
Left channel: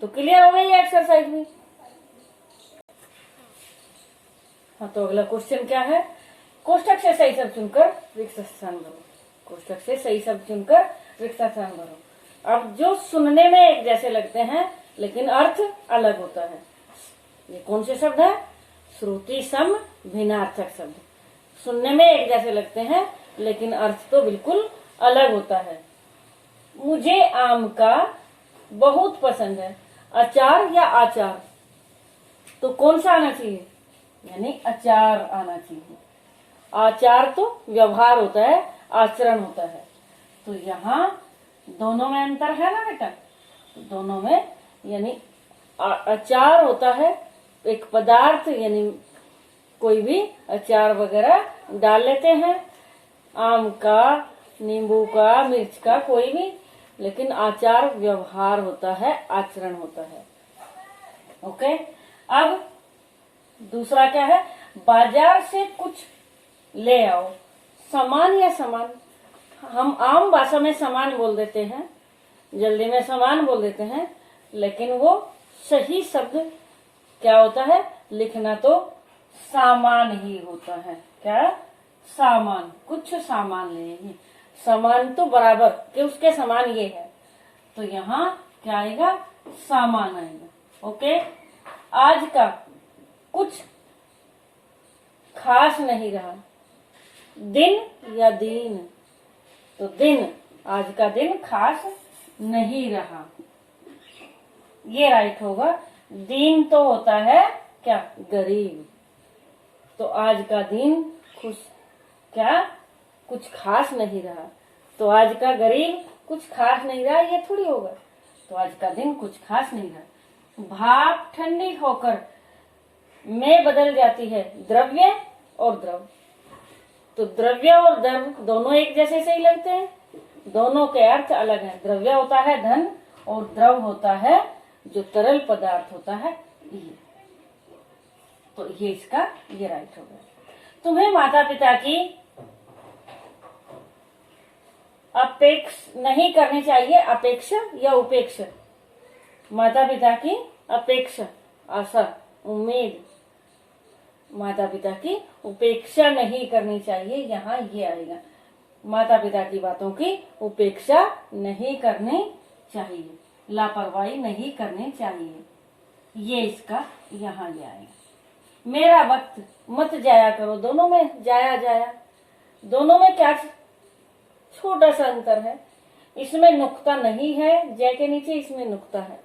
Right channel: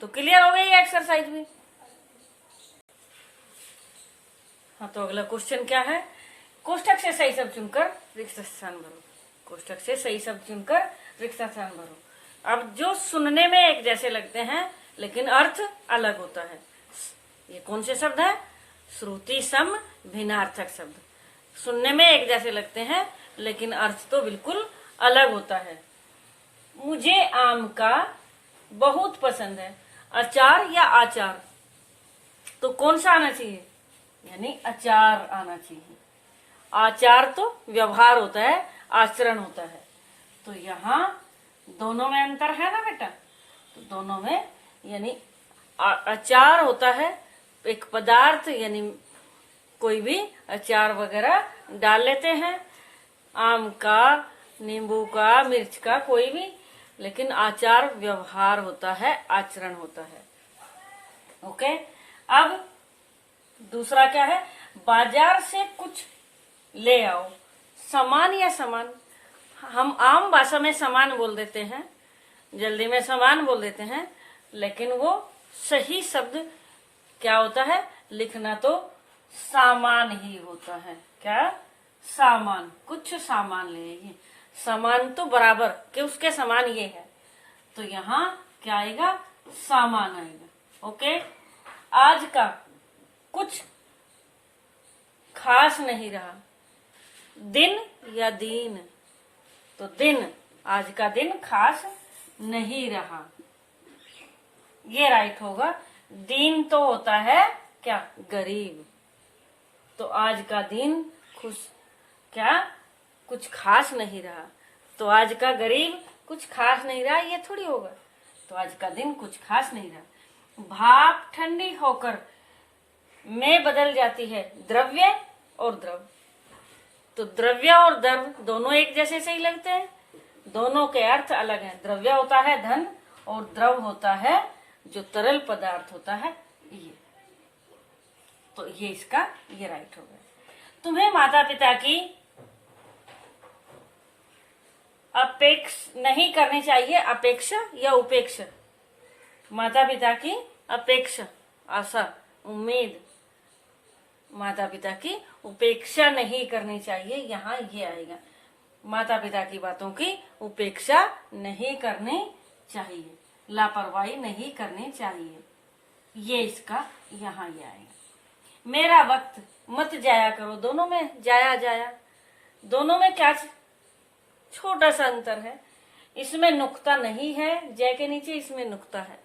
तो क्लियर हो गई एक्सरसाइज भी। हाँ, तो अगला क्वेश्चन क्या है, कोष्टक से सही शब्द चुनकर रिक्त स्थान भरो। कोष्टक से सही शब्द चुनकर रिक्त स्थान भरो। अब जो सुनने में एक जैसे लगते हैं लेकिन अर्थ अलग होता है, ये कौन से शब्द है, श्रुति सम भिन्नार्थक शब्द। सुनने में एक जैसे लगते हैं लेकिन अर्थ तो बिल्कुल अलग होता है। मुझे आम का बहुत पसंद है, अचार या आचार। तो कौन सा आना चाहिए, यानी अचार आना चाहिए। आचार तो व्यवहार होता है, आचरण होता है। तो यहाँ दोनों में अंतर है ना बेटा। तो दोनों में यानी अचार होता है एक पदार्थ, यानी कोई भी अचार वगैरह डाल लेते हैं, आम का, नींबू का, मिर्च का, कोई भी। लेकिन आचार व्यवहार होता है, आचरण होता है। ओके। अब दूसरा क्या है, बाजार से कुछ ले आओ। सामान या सामान, हम आम भाषा में सामान बोल देते हैं, जल्दी में सामान बोल देते हैं, लेकिन वो सही शब्द क्या होता है, लिखना तो सामान ही होता है। क्या, सामान। कुछ सामान ले, सामान तो बराबर कि उसके समान ये है। तो यहाँ क्या आएगा, सामान आएगा। ओके। आज का कुछ खास नहीं रहा, दिन या दीन। तो दिन, आज का दिन खास नहीं रहा, ये राइट होगा। दीन तो होता है क्या, गरीब। तो आज का दिन क्या कुछ खास नहीं रहा, तो आज का गरीब कुछ खास नहीं रहा, ये थोड़ी होगा। तो आज का दिन कुछ खास नहीं रहा। भाप ठंडी होकर में बदल जाती है, द्रव्य और द्रव। तो द्रव्य और द्रव दोनों एक जैसे सही लगते हैं, दोनों के अर्थ अलग हैं। द्रव्य होता है धन और द्रव होता है जो तरल पदार्थ होता है ये। तो ये इसका ये राइट होगा। तुम्हें माता पिता की अपेक्ष नहीं करनी चाहिए, अपेक्षा या उपेक्षा। माता पिता की अपेक्षा, आशा, उम्मीद। माता पिता की उपेक्षा नहीं करनी चाहिए, यहाँ ये आएगा। माता पिता की बातों की उपेक्षा नहीं करनी चाहिए, लापरवाही नहीं करनी चाहिए, ये इसका यहाँ ये आएगा। मेरा वक्त मत जाया करो, दोनों में जाया जाया, दोनों में क्या छोटा सा अंतर है। इसमें नुक्ता नहीं है, जय के नीचे इसमें नुक्ता है,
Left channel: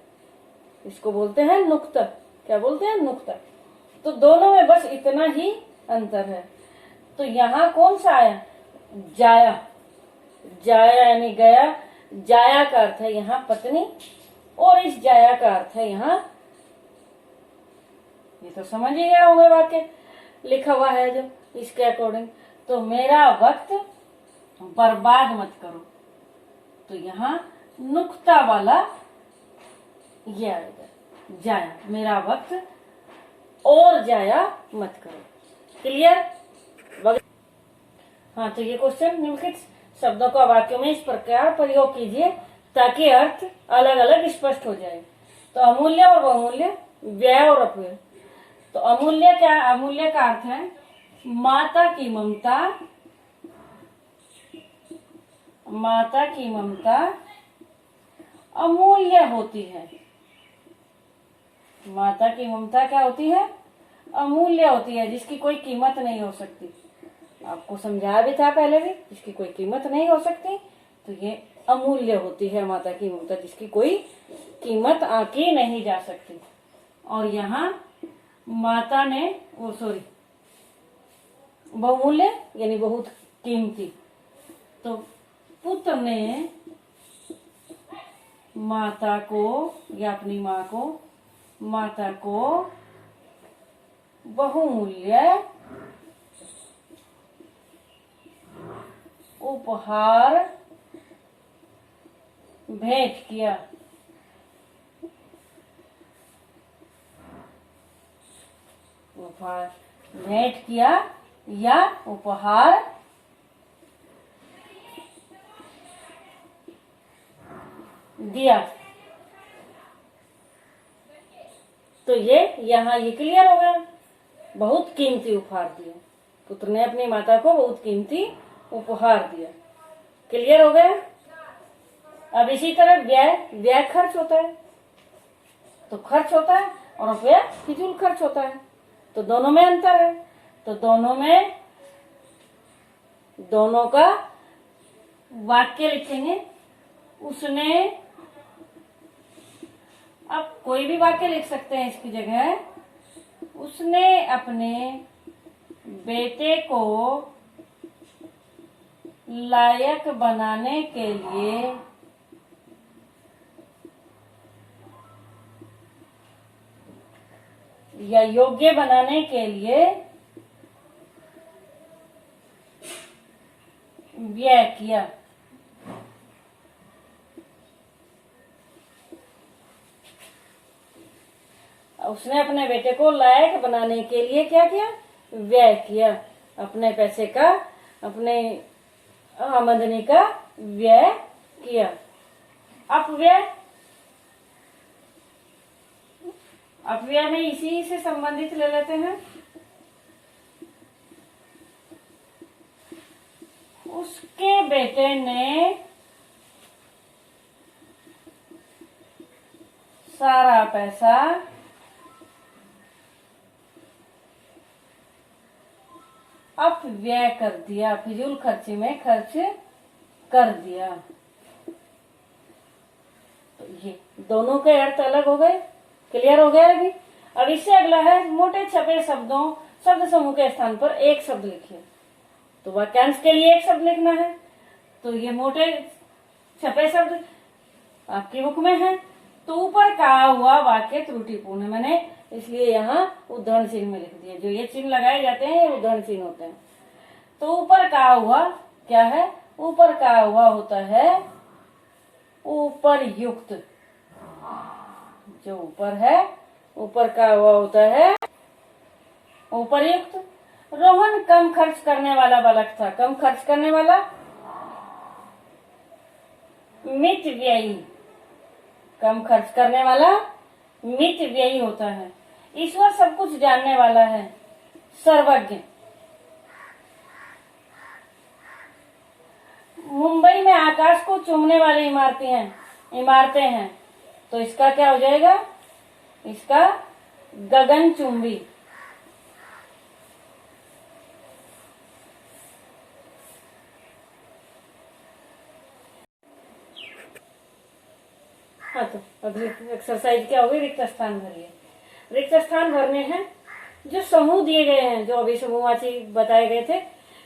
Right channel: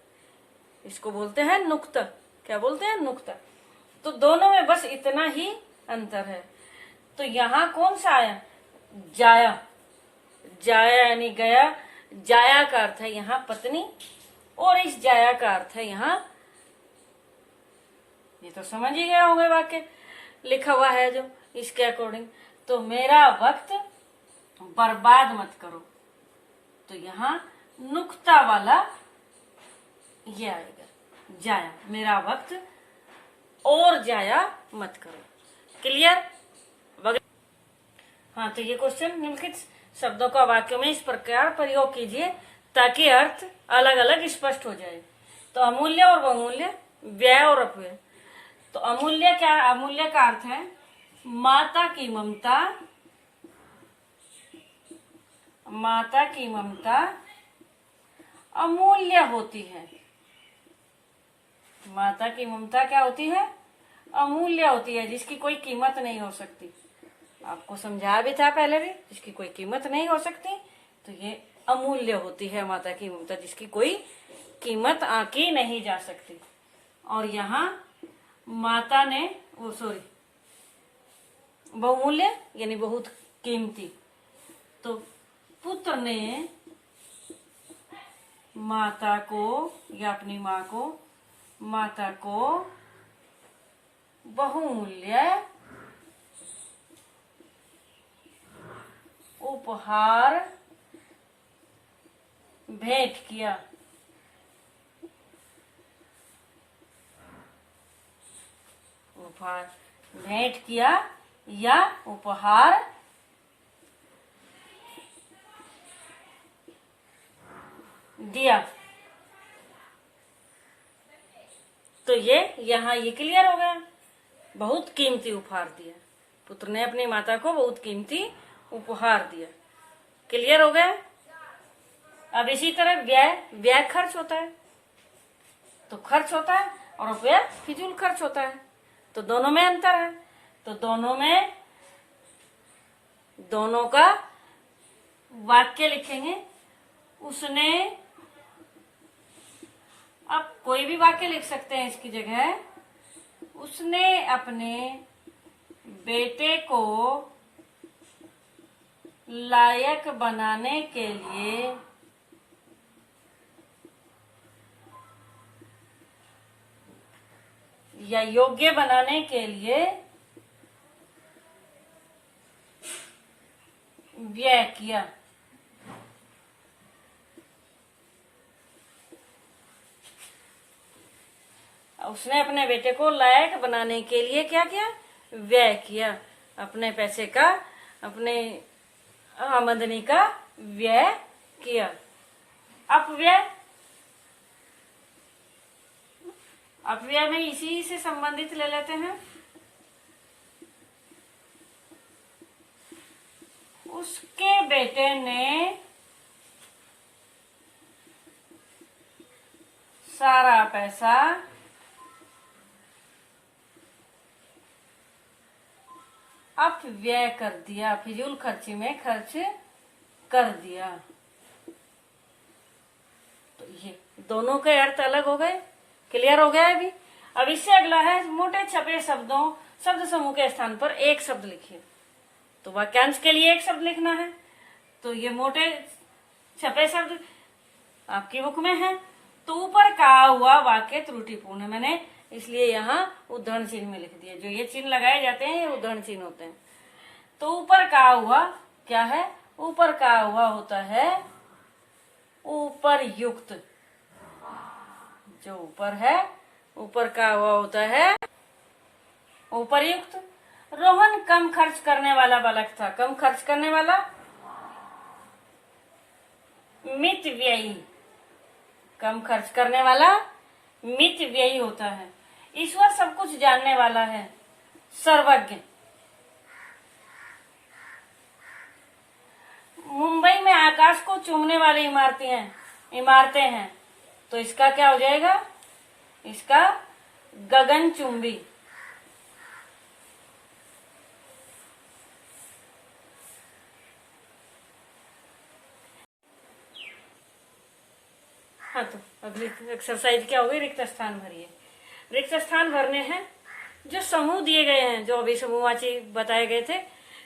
इसको बोलते हैं नुक्ता। क्या बोलते हैं, नुक्ता। तो दोनों में बस इतना ही अंतर है। तो यहाँ कौन सा आया, जाया। जाया यानी गया, जाया का अर्थ है यहाँ पत्नी, और इस जाया का अर्थ है यहाँ, ये तो समझ ही गया होंगे वाक्य लिखा हुआ है जो इसके अकॉर्डिंग। तो मेरा वक्त बर्बाद मत करो, तो यहाँ नुक्ता वाला ये आएगा, जाया। मेरा वक्त और जाया मत करो। क्लियर। हाँ, तो ये क्वेश्चन निम्नलिखित शब्दों का वाक्यों में इस प्रकार प्रयोग कीजिए ताकि अर्थ अलग अलग स्पष्ट हो जाए। तो अमूल्य और बहुमूल्य, व्यय और अपव्यय। तो अमूल्य क्या है? अमूल्य का अर्थ है माता की ममता, माता की ममता अमूल्य होती है। माता की ममता क्या होती है? अमूल्य होती है, जिसकी कोई कीमत नहीं हो सकती। आपको समझाया भी था पहले भी, जिसकी कोई कीमत नहीं हो सकती, तो ये अमूल्य होती है माता की ममता, जिसकी कोई कीमत आंकी नहीं जा सकती। और यहाँ माता ने बहुमूल्य यानी बहुत कीमती। तो पुत्र ने माता को या अपनी माँ को, माता को बहुमूल्य उपहार भेंट किया। उपहार भेंट किया या उपहार दिया। तो ये क्लियर हो गया, बहुत कीमती उपहार दिया। पुत्र ने अपनी माता को बहुत कीमती उपहार दिया। क्लियर हो गया। अब इसी तरह व्यय खर्च होता है, तो खर्च होता है, और व्यय फिजूल खर्च होता है। तो दोनों में अंतर है। तो दोनों का वाक्य लिखेंगे। उसने, अब कोई भी वाक्य लिख सकते हैं इसकी जगह। उसने अपने बेटे को लायक बनाने के लिए या योग्य बनाने के लिए व्यय किया। उसने अपने बेटे को लायक बनाने के लिए क्या किया? व्यय किया। अपने पैसे का, अपने आमदनी का व्यय किया। अपव्यय में इसी से संबंधित ले लेते हैं। उसके बेटे ने सारा पैसा अपव्यय कर दिया, फिजूल खर्ची में खर्च कर दिया। तो ये दोनों के अर्थ अलग हो गए। क्लियर हो गया अभी। अब इससे अगला है मोटे छपे शब्दों, शब्द समूह के स्थान पर एक शब्द लिखिए। तो वाक्यांश के लिए एक शब्द लिखना है। तो ये मोटे छपे शब्द आपकी बुक में है। तो ऊपर कहा हुआ वाक्य त्रुटिपूर्ण है, मैंने इसलिए यहाँ उद्धरण चिन्ह में लिख दिया। जो ये चिन्ह लगाए जाते हैं ये उद्धरण चिन्ह होते हैं। तो ऊपर कहा हुआ क्या है? ऊपर कहा हुआ होता है उपरयुक्त। जो ऊपर है, ऊपर कहा हुआ होता है उपरयुक्त। रोहन कम खर्च करने वाला बालक था। कम खर्च करने वाला मित व्ययी। कम खर्च करने वाला मित व्ययी होता है। ईश्वर सब कुछ जानने वाला है, सर्वज्ञ। मुंबई में आकाश को चूमने वाली इमारतें हैं। तो इसका क्या हो जाएगा? इसका गगनचुंबी। हाँ, तो अगली एक्सरसाइज क्या होगी? रिक्त स्थान भरिए। रिक्त स्थान भरने हैं। जो समूह दिए गए हैं, जो अभी समूहवाची बताए गए थे,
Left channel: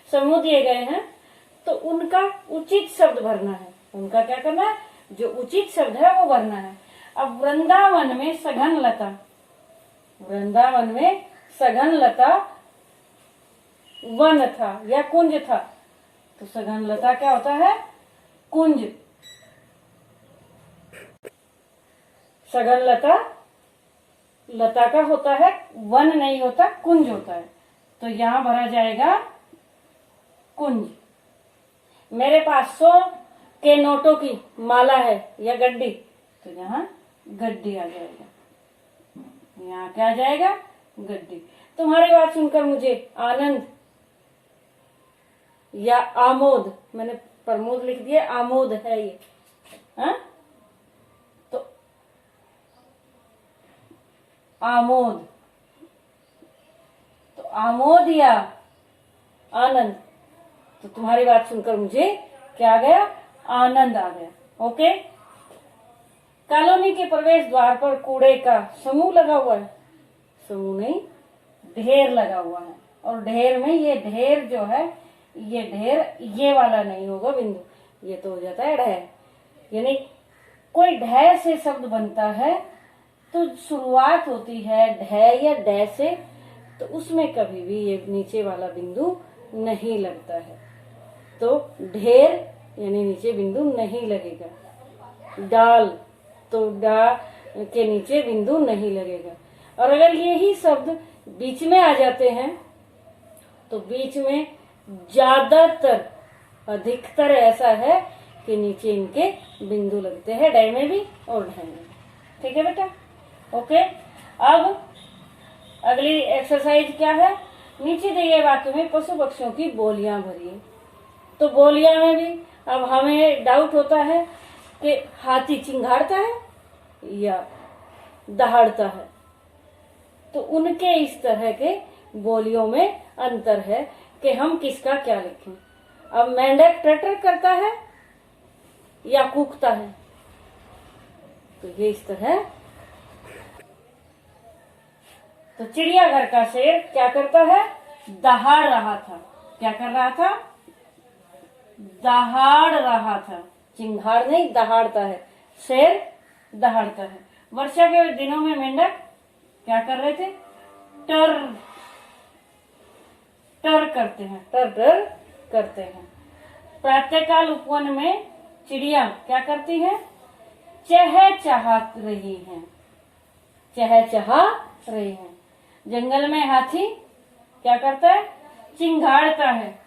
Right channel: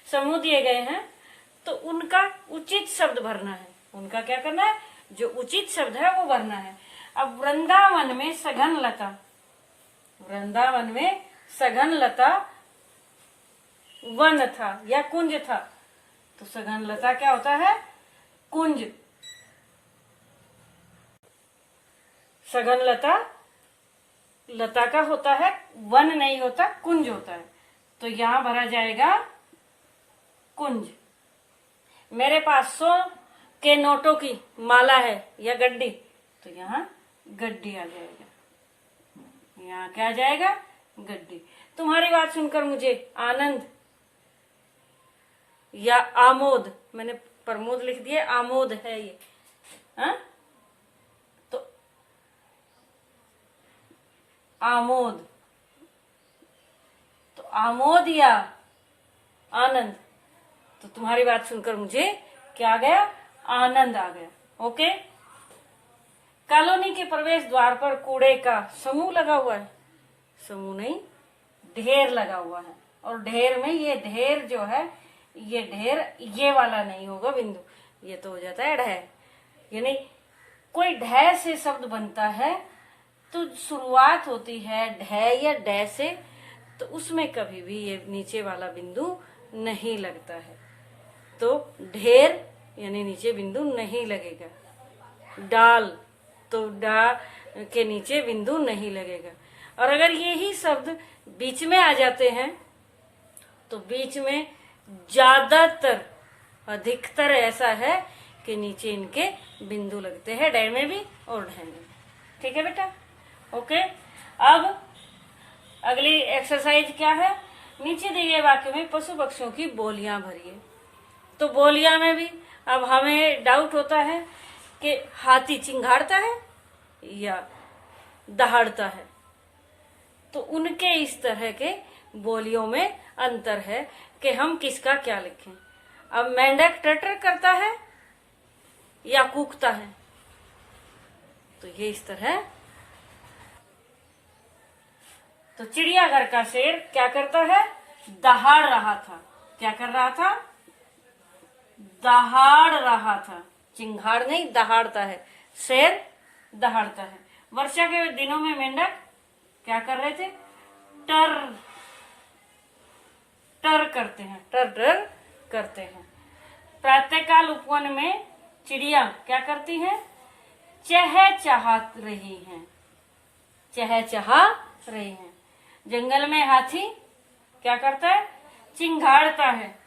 समूह दिए गए हैं, तो उनका उचित शब्द भरना है। उनका क्या करना है? जो उचित शब्द है वो भरना है। अब वृंदावन में सघन लता, वृंदावन में सघन लता वन था या कुंज था। तो सघन लता क्या होता है? कुंज। सघन लता का होता है, वन नहीं होता, कुंज होता है। तो यहां भरा जाएगा कुंज। मेरे पास 100 के नोटों की माला है या गड्डी, तो यहाँ गड्डी आ जाएगा, यहाँ क्या आ जाएगा, गड्डी। तुम्हारी बात सुनकर मुझे आनंद या आमोद, मैंने प्रमोद लिख दिया, आमोद है ये, हाँ? तो आमोद, तो आमोद या आनंद, तो तुम्हारी बात सुनकर मुझे क्या आ गया, आनंद आ गया। ओके। कॉलोनी के प्रवेश द्वार पर कूड़े का समूह लगा हुआ है, समूह नहीं ढेर लगा हुआ है, और ढेर में ये ढेर जो है, ये ढेर ये वाला नहीं होगा बिंदु, ये तो हो जाता है ढह। यानी कोई ढह से शब्द बनता है तो शुरुआत होती है ढह या डै से, तो उसमें कभी भी ये नीचे वाला बिंदु नहीं लगता है, तो ढेर यानी नीचे बिंदु नहीं लगेगा। डाल, तो डा के नीचे बिंदु नहीं लगेगा। और अगर यही शब्द बीच में आ जाते हैं तो बीच में ज्यादातर, अधिकतर ऐसा है कि नीचे इनके बिंदु लगते हैं, डै में भी और ढह में। ठीक है बेटा, ओके। अब अगली एक्सरसाइज क्या है, नीचे दिए गए वाक्य में पशु पक्षियों की बोलियां भरिए। तो बोलियां में भी अब हमें डाउट होता है कि हाथी चिंघाड़ता है या दहाड़ता है, तो उनके इस तरह के बोलियों में अंतर है कि हम किसका क्या लिखें। अब मेंढक टटर करता है या कूकता है, तो ये इस तरह। तो चिड़ियाघर का शेर क्या करता है, दहाड़ रहा था। क्या कर रहा था, दहाड़ रहा था, चिंगाड़ नहीं दहाड़ता है, शेर दहाड़ता है। वर्षा के दिनों में मेंढक क्या कर रहे थे, टर टर करते हैं, टर टर करते हैं। प्रातःकाल उपवन में चिड़िया क्या करती हैं, चह चाह रही हैं, चह चाह रही हैं। जंगल में हाथी क्या करता है, चिंघाड़ता है,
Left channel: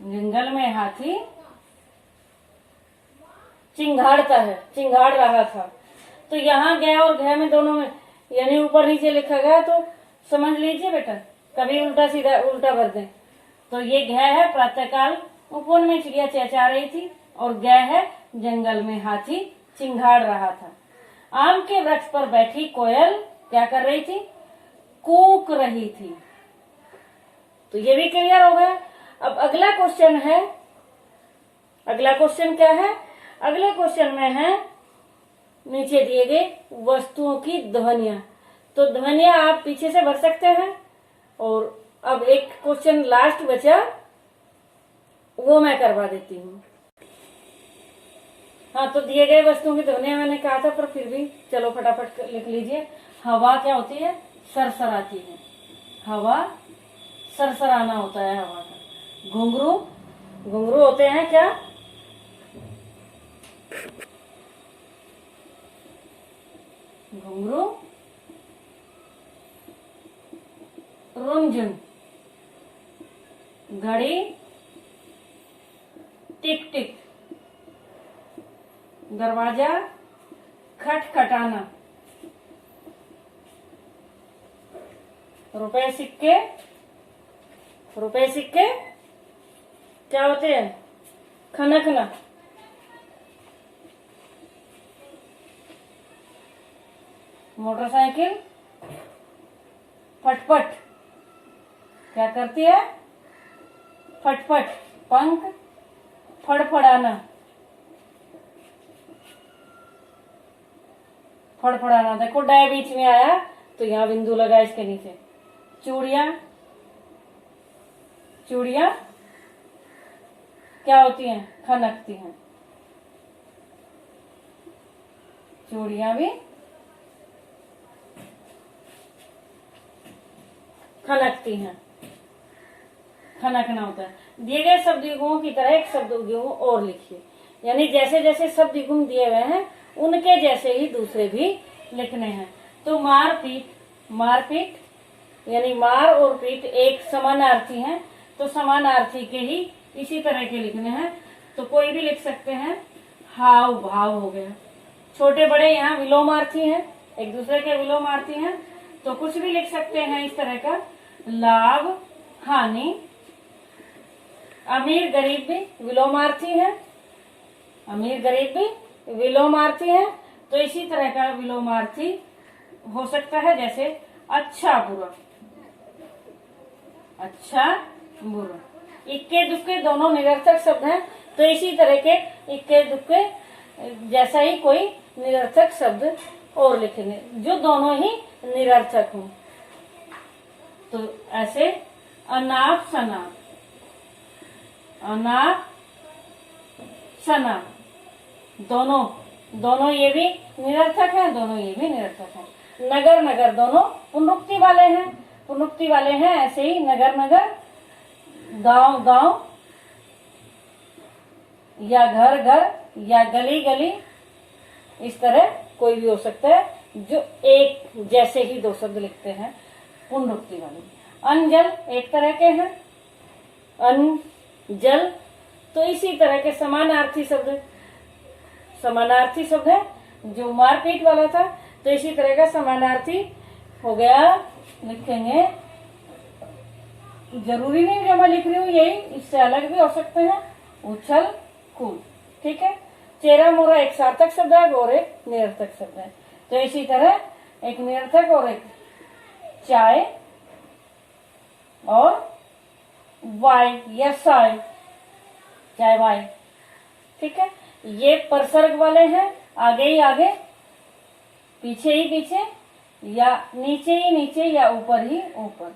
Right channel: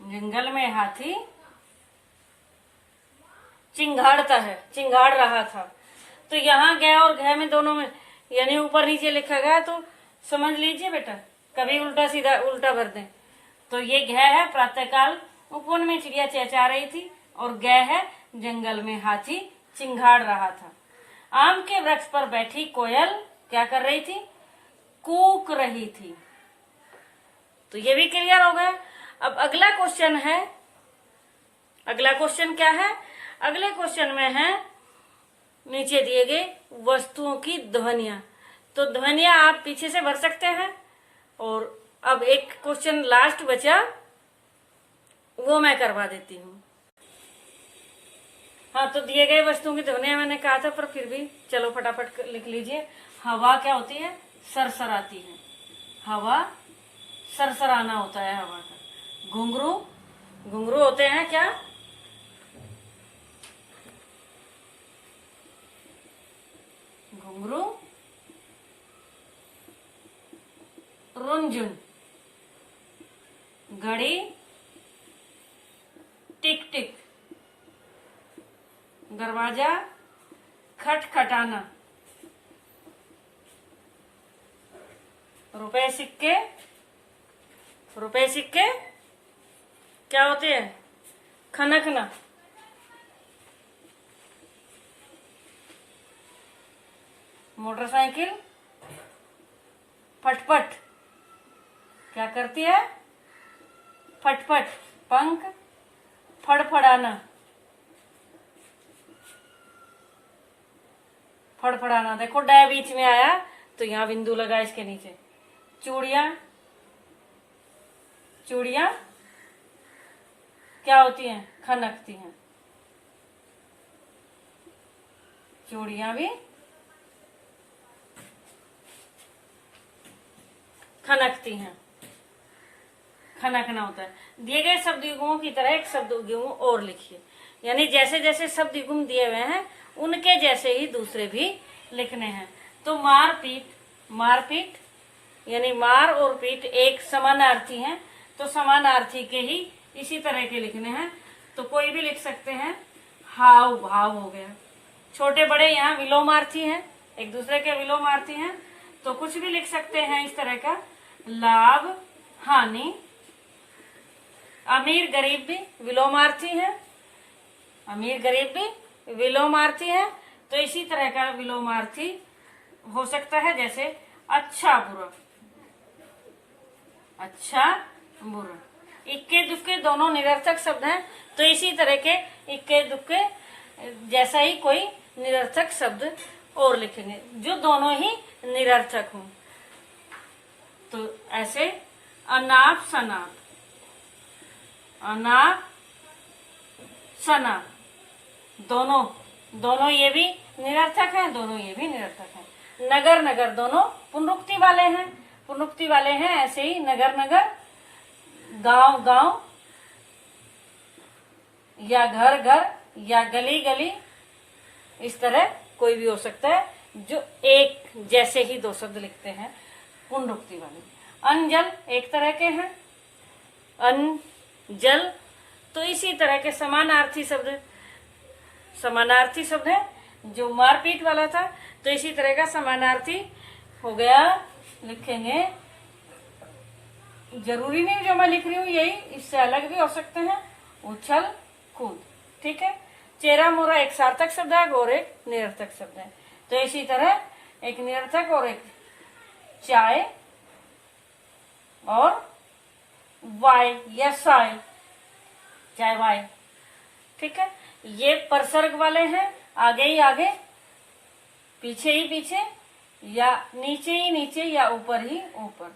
जंगल में हाथी चिंघाड़ता है, चिंघाड़ रहा था। तो यहाँ गया और घे में दोनों में यानी ऊपर नीचे लिखा गया, तो समझ लीजिए बेटा, कभी उल्टा सीधा उल्टा भर दे। तो ये घे है प्रातःकाल उपवन में चिड़िया चहचहा रही थी, और गे है जंगल में हाथी चिंघाड़ रहा था। आम के वृक्ष पर बैठी कोयल क्या कर रही थी, कूक रही थी। तो ये भी क्लियर हो गया। अब अगला क्वेश्चन है, अगला क्वेश्चन क्या है, अगले क्वेश्चन में है नीचे दिए गए वस्तुओं की ध्वनियां। तो ध्वनियां आप पीछे से भर सकते हैं। और अब एक क्वेश्चन लास्ट बचा, वो मैं करवा देती हूँ। हाँ, तो दिए गए वस्तुओं की ध्वनियां मैंने कहा था, पर फिर भी चलो फटाफट लिख लीजिए। हवा क्या होती है, सरसराती है, हवा सरसराना होता है हवा का। घुंघरू, घुंघरू होते हैं क्या, घुंघरू रुंझुन। घड़ी टिक टिक। दरवाजा खटखटाना। रुपए सिक्के, रुपए सिक्के क्या होते हैं, खनकना। मोटरसाइकिल फटफट क्या करती है, फटफट। पंख फड़फड़ाना, फड़फड़ाना। देखो डे बीच में आया तो यहाँ बिंदु लगा इसके नीचे। चूड़ियां, चूड़ियां क्या होती हैं, खनकती हैं। चूड़ियां भी खनकती हैं, खनकना होता है। दिए गए शब्द युग्मों की तरह एक शब्द युग्म और लिखिए। यानी जैसे जैसे शब्द युग्म दिए हुए हैं उनके जैसे ही दूसरे भी लिखने हैं। तो मार पीट, मार पीट यानी मार और पीट एक समानार्थी हैं, तो समानार्थी के ही इसी तरह के लिखने हैं। तो कोई भी लिख सकते हैं। हाव भाव हो गया। छोटे बड़े यहाँ विलोमार्थी हैं, एक दूसरे के विलोमार्थी हैं, तो कुछ भी लिख सकते हैं इस तरह का। लाभ हानि। अमीर गरीब भी विलोमार्थी हैं, अमीर गरीब भी विलोमार्थी हैं, तो इसी तरह का विलोमार्थी हो सकता है। जैसे अच्छा बुरा, अच्छा बुरा। इक्के दुक्के दोनों निरर्थक शब्द हैं, तो इसी तरह के इक्के दुक्के जैसा ही कोई निरर्थक शब्द और लिखेंगे जो दोनों ही निरर्थक हों। तो ऐसे अनाप शनाप, अनाप शनाप, दोनों ये भी निरर्थक हैं, दोनों ये भी निरर्थक हैं। नगर नगर दोनों पुनरुक्ति वाले हैं, पुनरुक्ति वाले हैं। ऐसे ही नगर नगर, गांव गांव, या घर घर, या गली गली, इस तरह कोई भी हो सकता है जो एक जैसे ही दो शब्द लिखते हैं पुनरुक्ति वाले। अनजल एक तरह के हैं, अन जल, तो इसी तरह के समानार्थी शब्द है। जो मारपीट वाला था, तो इसी तरह का समानार्थी हो गया, लिखेंगे। जरूरी नहीं जो मैं लिख रही हूँ यही, इससे अलग भी हो सकते हैं। उछल कूद, ठीक है। चेरा मोरा एक सार्थक शब्द है और एक निरर्थक शब्द है, तो इसी तरह एक निरर्थक और एक चाय और वाय या साय, चाय वाय, ठीक है। ये परसर्ग वाले हैं, आगे ही आगे, पीछे ही पीछे, या नीचे ही नीचे, या ऊपर ही ऊपर,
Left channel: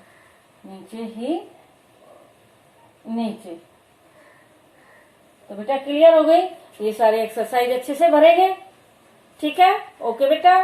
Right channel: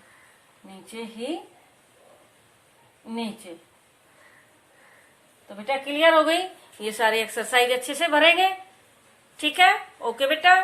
नीचे ही नीचे। तो बेटा क्लियर हो गई। ये सारी एक्सरसाइज अच्छे से भरेंगे, ठीक है। ओके बेटा।